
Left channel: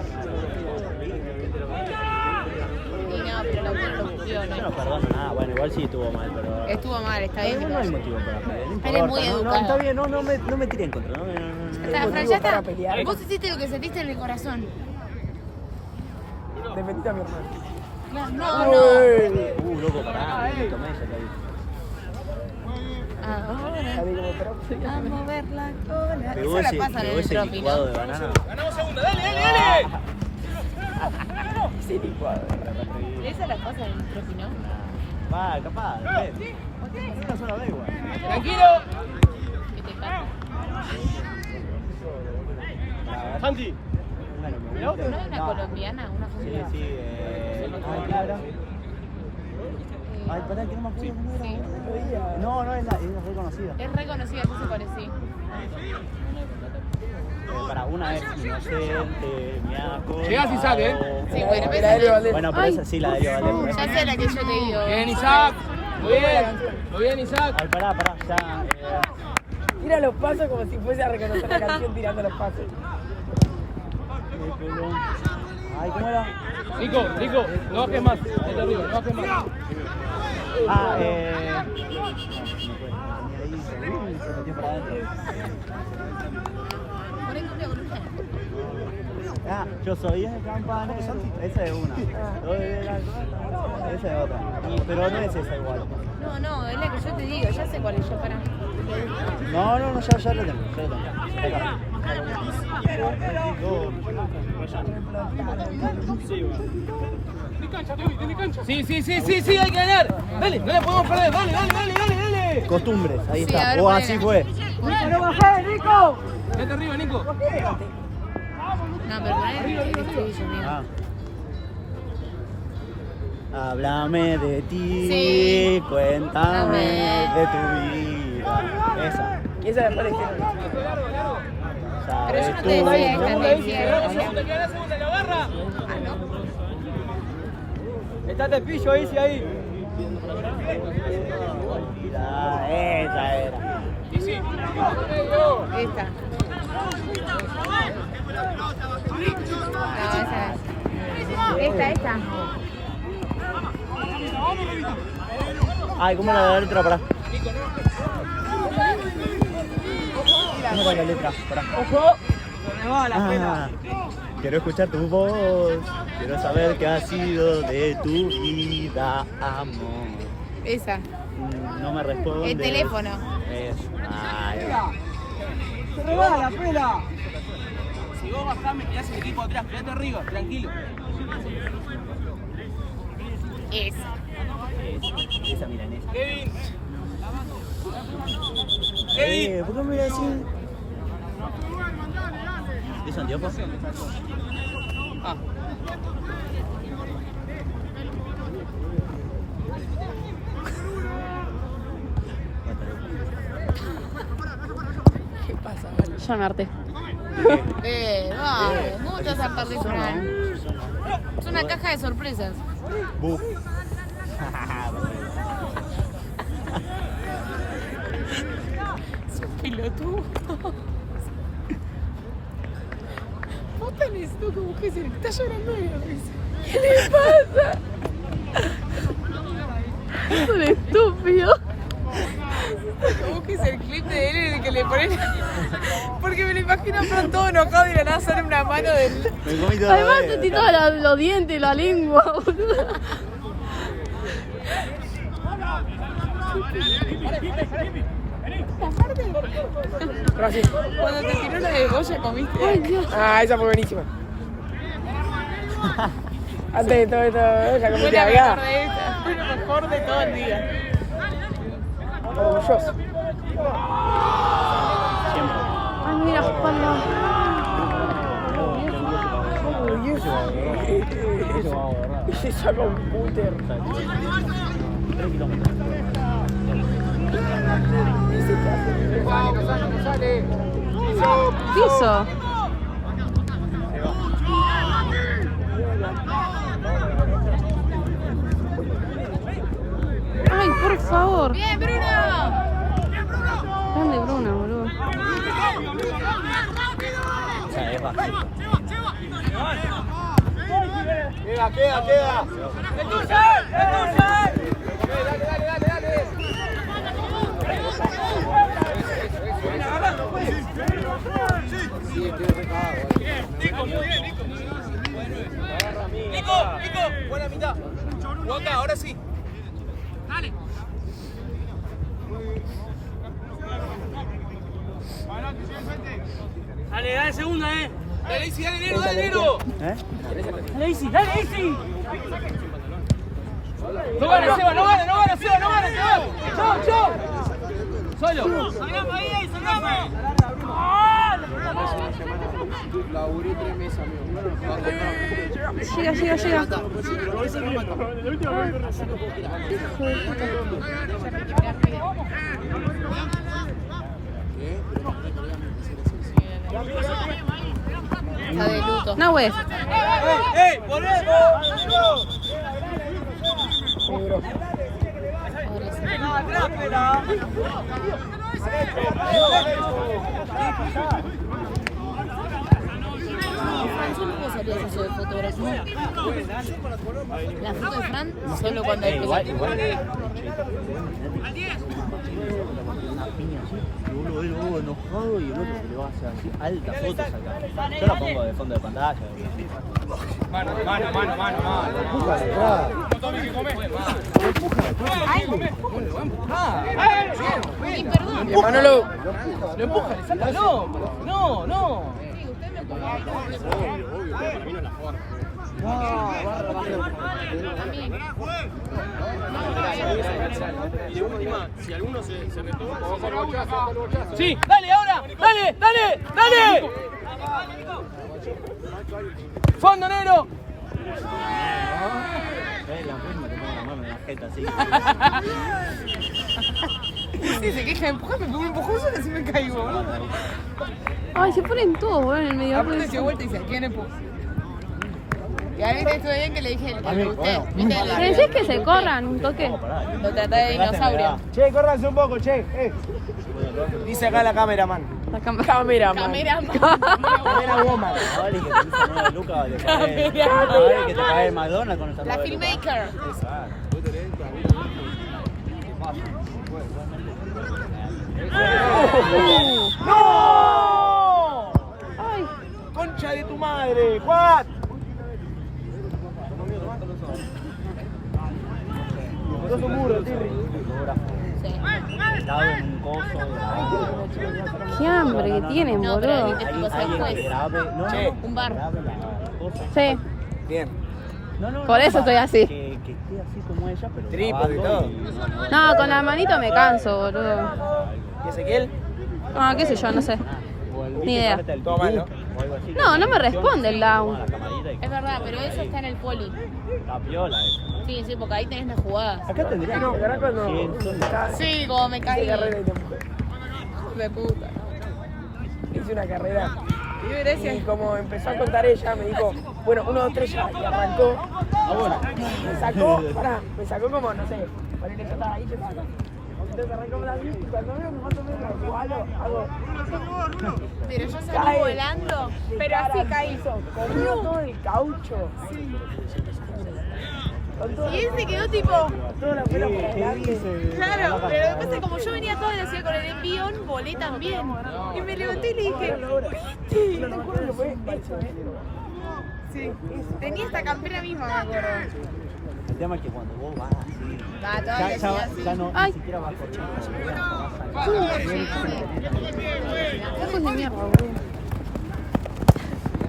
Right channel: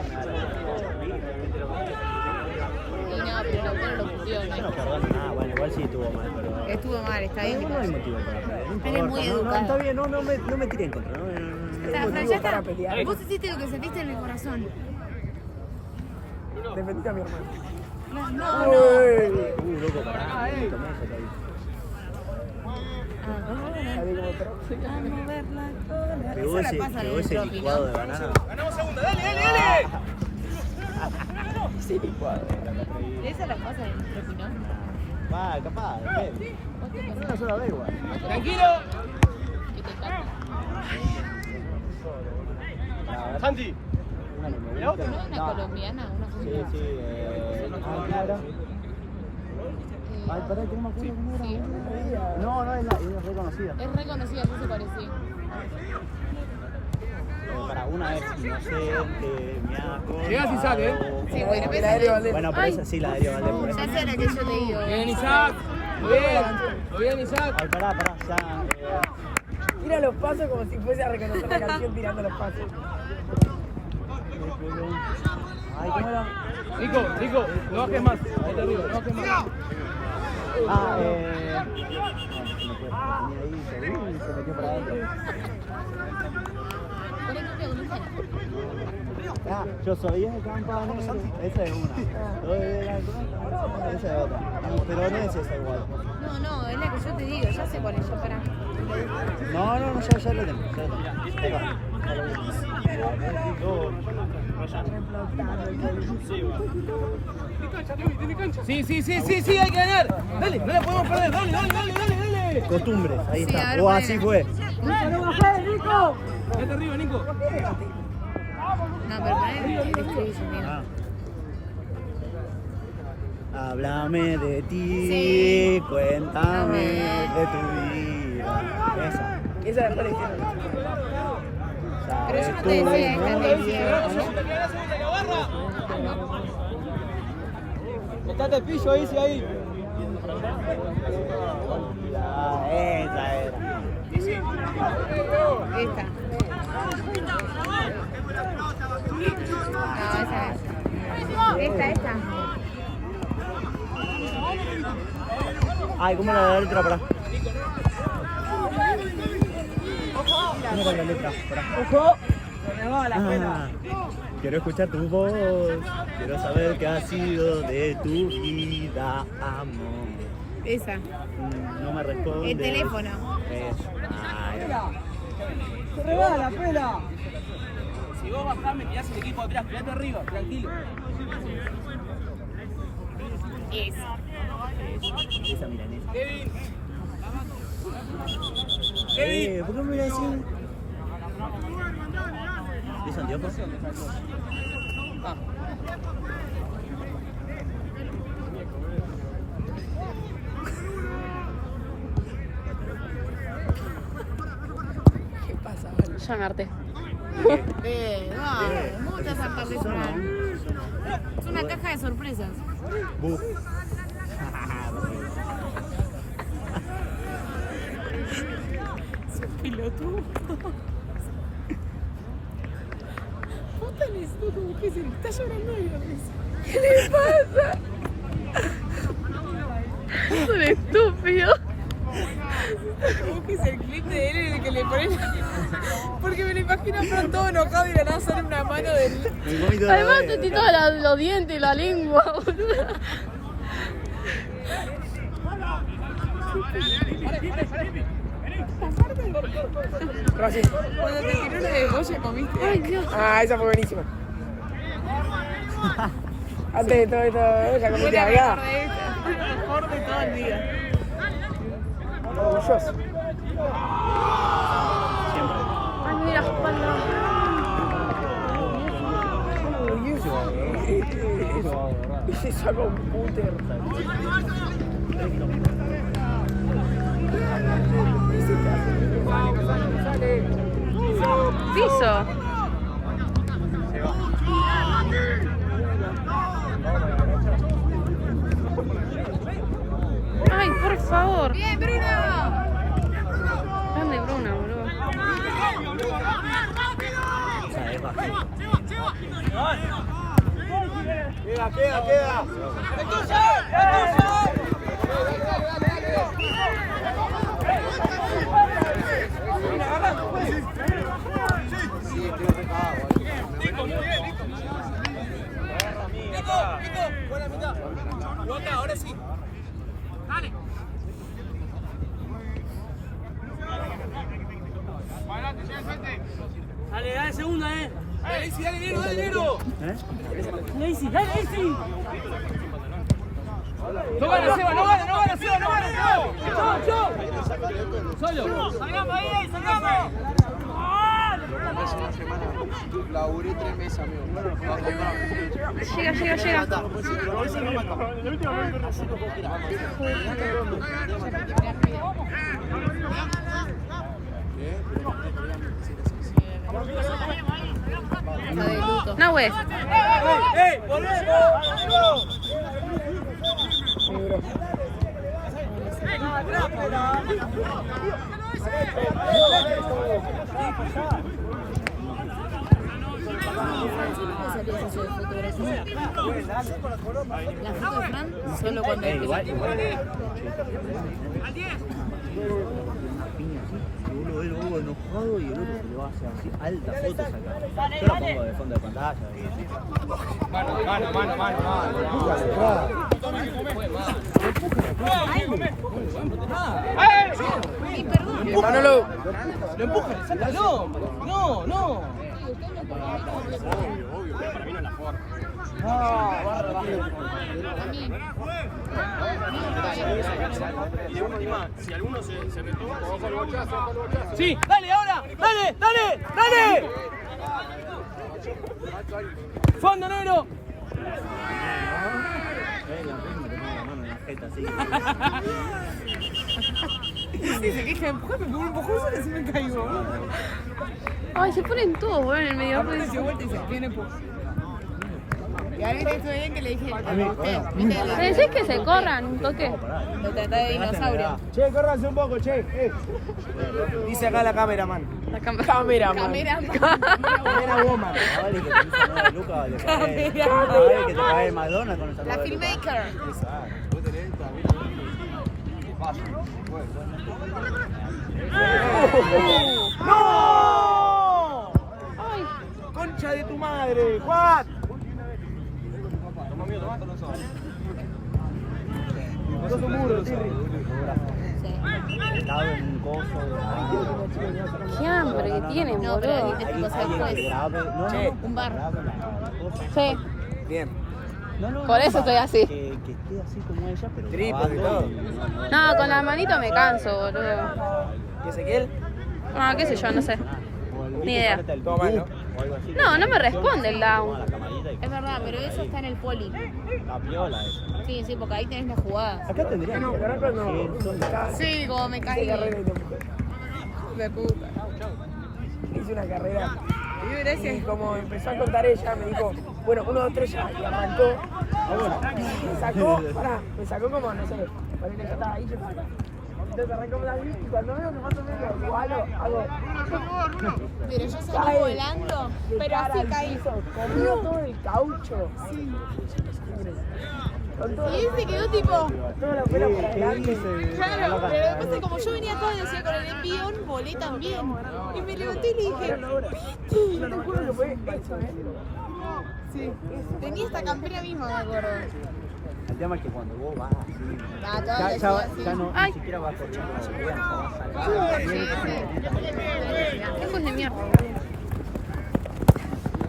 Y no, pero Lautaro lo pusió, no ¿no? nos perdamos nada. Bueno, igual sí estuvo mal, pero... Estuvo mal, está bien que No no hay vaya. motivo para pelear. Él es muy educado. Está bien, no me tiren contra. Ya está, Fran, ya está. Vos hiciste lo que sentiste en el corazón. Defendiste a mi hermano. Claro, no. Loco, pará, tomé eso, ahí. Ahora, a mover la cola. Pegó Eso ese, la pasan en pegó el ese tropi, licuado ¿no? de banana. Ganamos segunda, dale. Sí, licuado. Esa la pasan en el tropi, ¿no? Ah, capaz, una sola vez igual. Tranquilo. Que te cago. Santi. ¿No es una colombiana? Una Sí, sí, claro. Ay, pará, que no me acuerdo cómo Sí. era. No es reconocida. Es reconocida, no se parecía. Para una vez inocente, miaco. Llegás y sale, ¿eh? Sí, bueno, La pero Aéreo Valdés. Bueno, pero esa sí la debió valer. ya sé la que yo te digo. Bien, Isaac. Muy bien, Isaac. Ay, pará, ya. Tira los pasos como si fuese a reconocer la canción tirando los pasos. Ay, ¿cómo era? Rico, no bajes más. Ahí te arriba, no bajes más. Yo soy el campanero. Esa es una. Esa es otra. Pero no es esa igual. No, es la que yo te digo, ya sé cuál es, yo para. No, ya lo tengo. Sí, hay que ganar. Dale, no la podemos perder. Dale. Costumbres, ahí Sí, a está. ver, O ponela. así fue. ¡No bajé, Nico! Vete arriba, Nico. No, pero poner el estribillo, amigo. Háblame de ti, Sí. cuéntame de tu vida. Esa. Esa la pone que Pero yo Sabes no tú, te decía que ¿no? Está el pillo ahí, sí, ahí. Esa era. Esta. No, esa es. Esta. Ay, ¿cómo era la letra? Pará. ¿Cómo era la letra? Pará. me va la pena. Quiero escuchar tu voz. Quiero saber qué ha sido de tu vida, amor. Esa. No me responde. El teléfono. Eso. Ay, Se me va la pena. Si vos bajás, me quedás el equipo atrás. Quedate arriba, tranquilo. Esa. esa milanesa. Kevin. ¿Por qué me voy a decir? ¿Es anteojos? Ah. Llamarte. No te vas a hartar de llorar. Es una caja de sorpresas. Buf. Pelotudo. Vos tenés como que se está llorando de la risa. ¿Qué le pasa? Es un estúpido. Busques el clip de él en el que le ponen. Porque me lo imagino pronto todo enojado y de la nada sale una mano del. Me comí toda la Además vez. te tiene todos los dientes y la lengua, boludo. Gracias. Cuando te tiró la de Goya comiste. Ay, Dios. Ah, esa fue buenísima. Antes de todo esto, ya Fue comiste la acá. mejor de esta. Fue la mejor de todo el día. Orgulloso. Ay, mira, espalda. Uy, ese saco un puter. Piso. Ay, por favor. ¡Bien, Bruno! Grande Bruna, boludo. Queda. Viene agarrando, pues. Nico, muy bien, Nico. Nico, buena mitad. Acá, ahora sí. Dale. Dale, segunda, Dale, Isi, dale, Nero. ¿Eh? Dale, Isi. No gana, Seba, no gana, Seba. Chau. Solo. Salgamos ahí, salgamos. Llega. Ay, hijo de La de luto. puta. No, güey. ¡Ey! ¡Volvemos! Pobrecito. ¿Cómo salías eso de fotografía? La foto de Fran solo cuando empezó. ¡Al 10! Y uno ve enojado y el otro se lo hace así, alta foto. Yo la pongo de fondo de pantalla. Mano. Y perdón. Manolo. ¡Lo empuja! ¡Sácalo! ¡No! ¡Sí! ¡Dale ahora! ¡Dale! ¡Fondo negro! Sí, se queja de empujón, me pegó un empujón solo si me caigo. Ay, se ponen todos, boludo, en el medio. Aparte se vuelta y se ¿quién empujó? Y a mí te estuve bien que le dije a usted, ¿viste? Pero eso es que se corran un toque. Lo traté de dinosaurio. Che, córranse un poco, che. Dice acá la cameraman. La cámara. Cameraman. Camera woman. Que te cae Madonna con esa. La filmmaker. ¡No! Ay, ¡Concha de tu madre! ¡Juan! Es un muro, Tirri. qué hambre que tienen, No, pero boludo. ahí te pasa después. Che, Un bar. Sí, bien. por eso estoy así. Que esté así como ella, pero. Trípode y todo. No, con la manito me canso, boludo. ¿Y Ezequiel? Ah, qué sé yo, no sé. Ni idea. Todo mal, ¿no? No me responde el down. Es verdad, pero eso está en el poli. La piola esa. Sí, porque ahí tenés las jugadas. Acá tendría No, carajo, no. Sí, como me caí. De puta. Hice una carrera. Y Y gracias. como empezó a contar ella, me dijo, bueno, 1, 2, 3 ya, y arrancó. Me sacó como, no sé, ponele que estaba ahí, que saca. Entonces arrancó la bici y cuando veo que más o menos igualo, hago. Pero yo salí Cae. volando, pero así caí. Comió todo el caucho. Sí. Con todo, Y él se quedó tipo. toda la pena por adelante. Claro, pero entonces como yo venía todo y decía con el envión, volé también. Y me levanté y le dije, Yo te juro que fue eso, sí. Tenía esta campera misma, me acuerdo. El tema es que cuando vos vas así, Ah, todavía ya no Ay. ni siquiera vas corriendo, vas saltando. Lejos de mierda, boludo.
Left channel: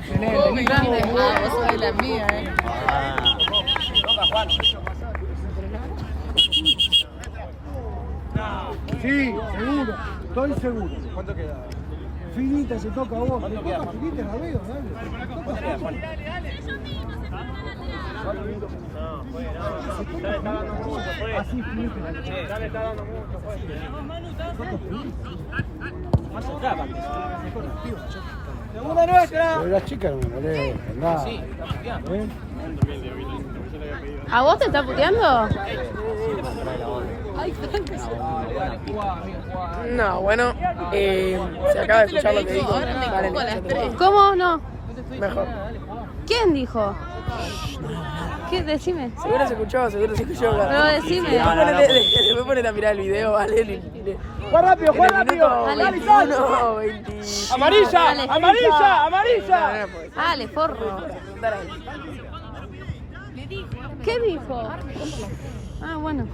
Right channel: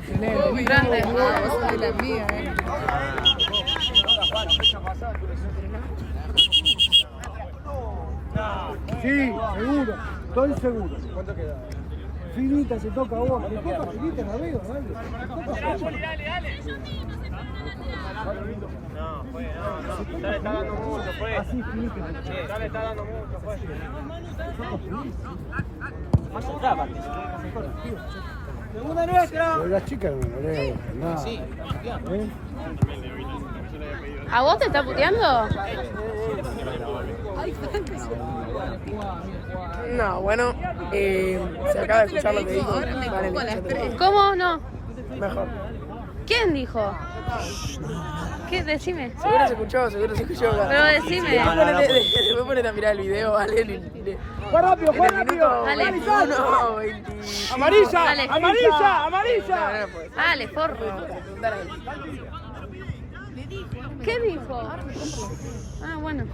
Esa es la mía, Sí, seguro. Estoy seguro. ¿Cuánto queda? Finita se toca a vos. Te toca finita, la veo, dale. Toca finita. Así, finita. ¡Segunda nuestra! Pero las chicas no me ponen nada. Sí. ¿A vos te está puteando? No, bueno, se acaba de escuchar lo que dijo. Ahora me cago a las 3. ¿Cómo? No. Mejor. ¿Quién dijo? ¿Qué? Decime. Seguro se escuchó, seguro se escuchó. Pero decime. Después ponen a mirar el video, vale. ¡Juan rápido, Juan rápido! Dale. ¡Amarilla! Dale. ¡Amarilla! ¡Amarilla! Dale, forro. ¿Qué dijo? Ah, bueno.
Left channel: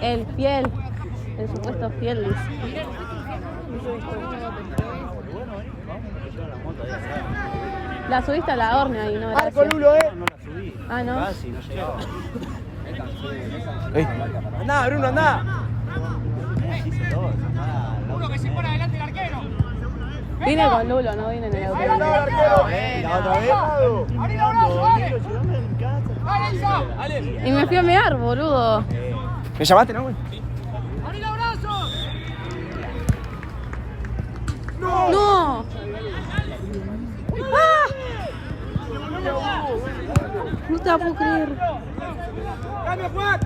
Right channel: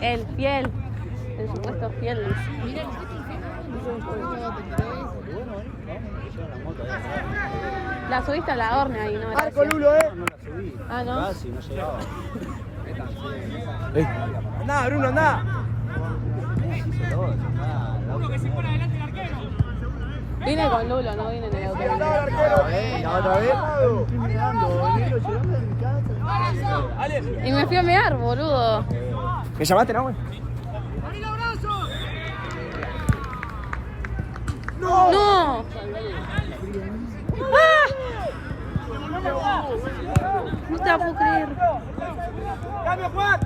El fiel. El supuesto fiel. Dice. La subiste a la horna y no gracias. Ah, ¿no? Casi, no llegaba. Andá, Bruno, andá. Vine con Lulo, no vine en el auto. ¿Otra vez? Y me fui a mear, boludo. ¿Me llamaste, no, güey? ¡No! ¡Ah! No te la puedo creer. ¡Cambio, Juan!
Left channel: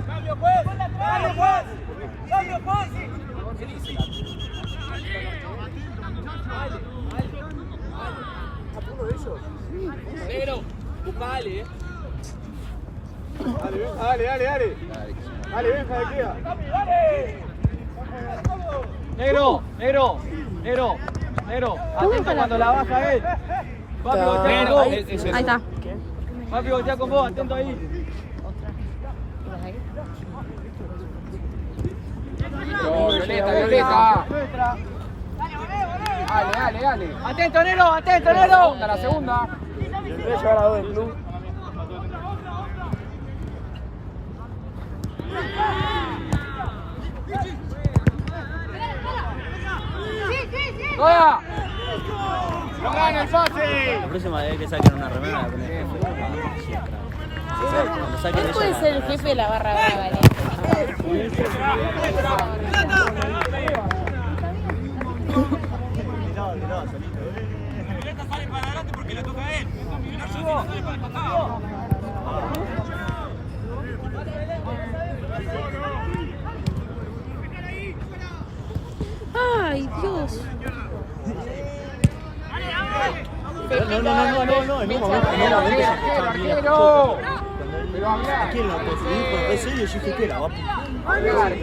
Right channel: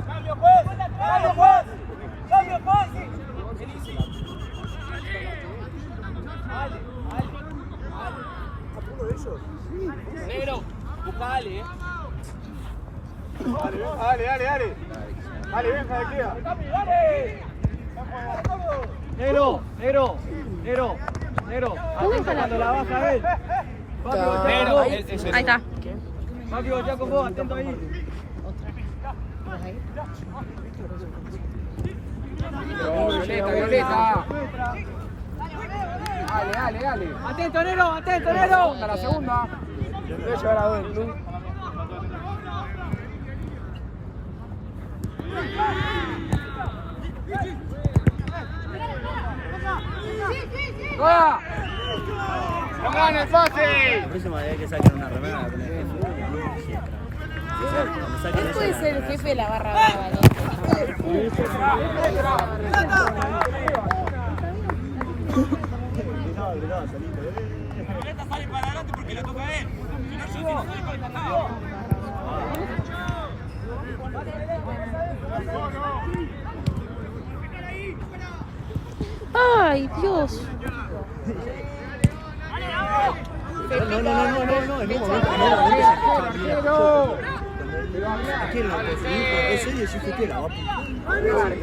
Negro, busca a Ale, Dale, Negro. Atento cuando la baja él. Papi, voltea con vos. Ahí está. Papi, voltea con vos, atento ahí. Violeta. Dale. Atento, Nero. La segunda. Voy a llevar a ver, Lu. ¡Juega! La próxima vez que saquen una remera, la primera vez Él puede ser el jefe de la barra brava, La pelota sale para adelante porque la toca él. Si no, yo sale para el costado. Ay, Dios.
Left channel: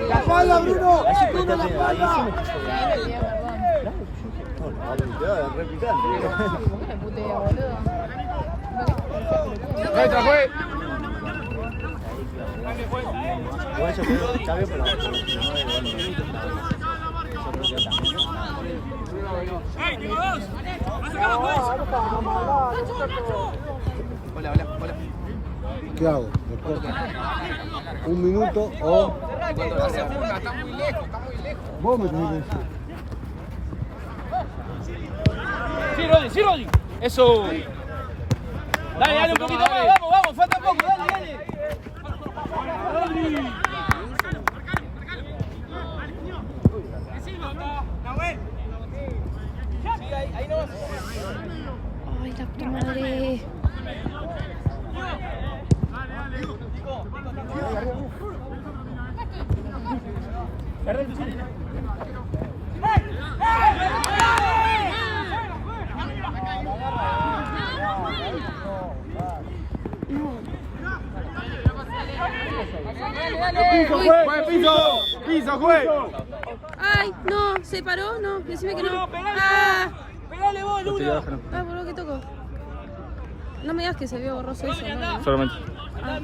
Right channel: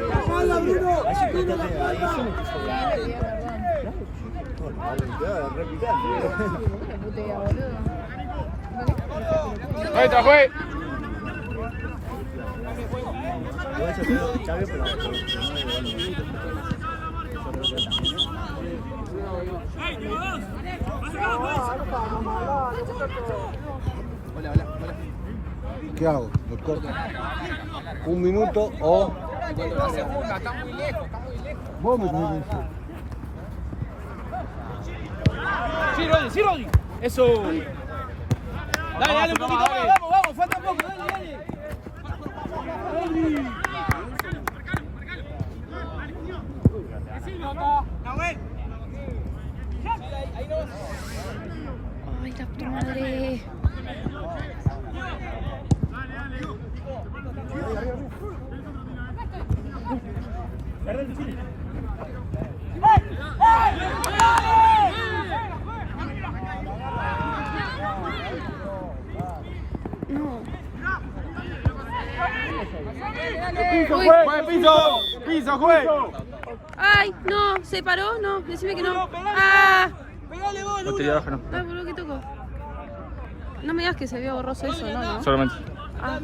¡La espalda, Bruno! Fue. Hola. ¿Qué hago? ¿Un minuto o...? La segunda, está muy lejos. Vos me tenés que decir. Sí, Rodi. Eso. Dale, un poquito más, vamos, falta poco, dale. Ahí no vas. Ay, la puta madre. No. Uy. Piso, juego. Ay, no, se paró, no, decime que no. Ah, No te digas que no. ah, boludo, ¿qué tocó? No me digas que se vio borroso eso, ¿no? Solamente. Ah,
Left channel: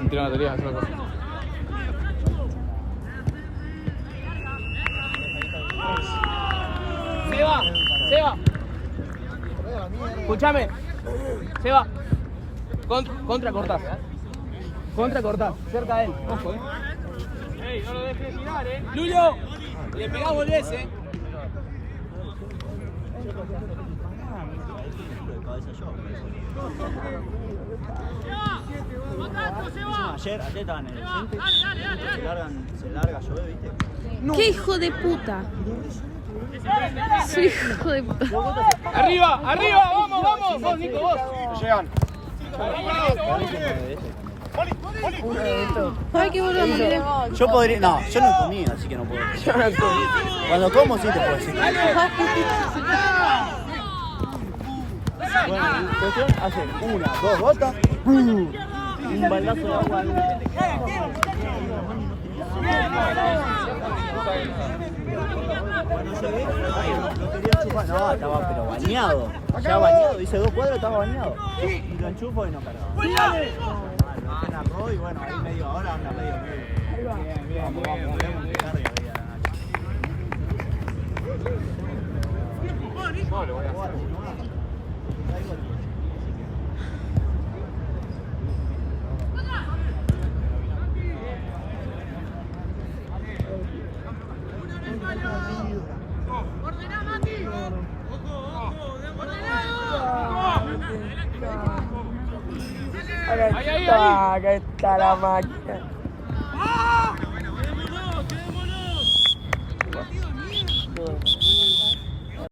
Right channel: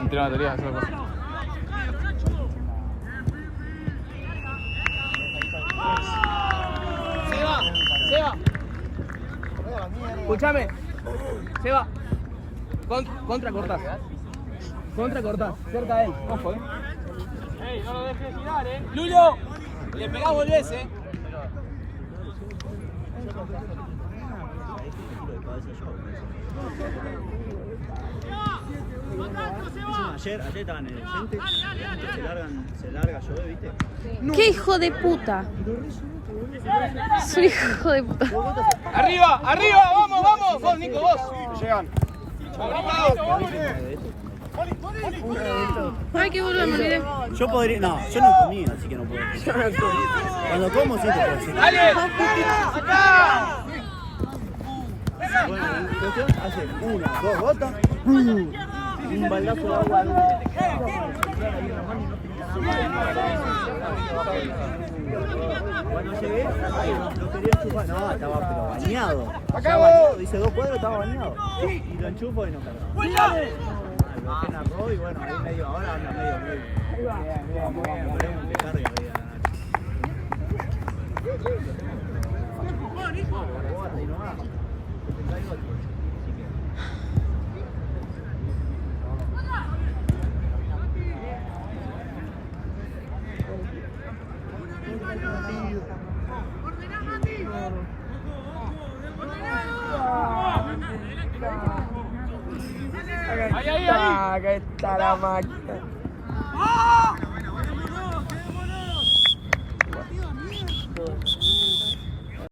Entre la teoría, hacer cosas. Seba. Escúchame. Seba. Contra cortar. Cerca de él. Ojo, Ey, no lo dejes girar, Lulio. Le pegás, volvés, Ayer estaban en el centro, se larga, yo ¿viste? ¡qué hijo de puta! Soy hijo de puta. Arriba, vamos, vos, Nico, vos. Llegan. Ay, qué boludo, me olvidé. Yo podría, no, yo no comía, así que no puedo. Cuando como sí te puedo decir. Hace una, dos gotas, un baldazo de agua Bueno, se ve, no quería chupar, no, estaba bañado, ya bañado, hice 2 cuadras, estaba bañado, y lo enchufo y no cargaba. Lo dejé en arroz y bueno, ahí medio ahora anda medio. Bien. Acá está la máquina.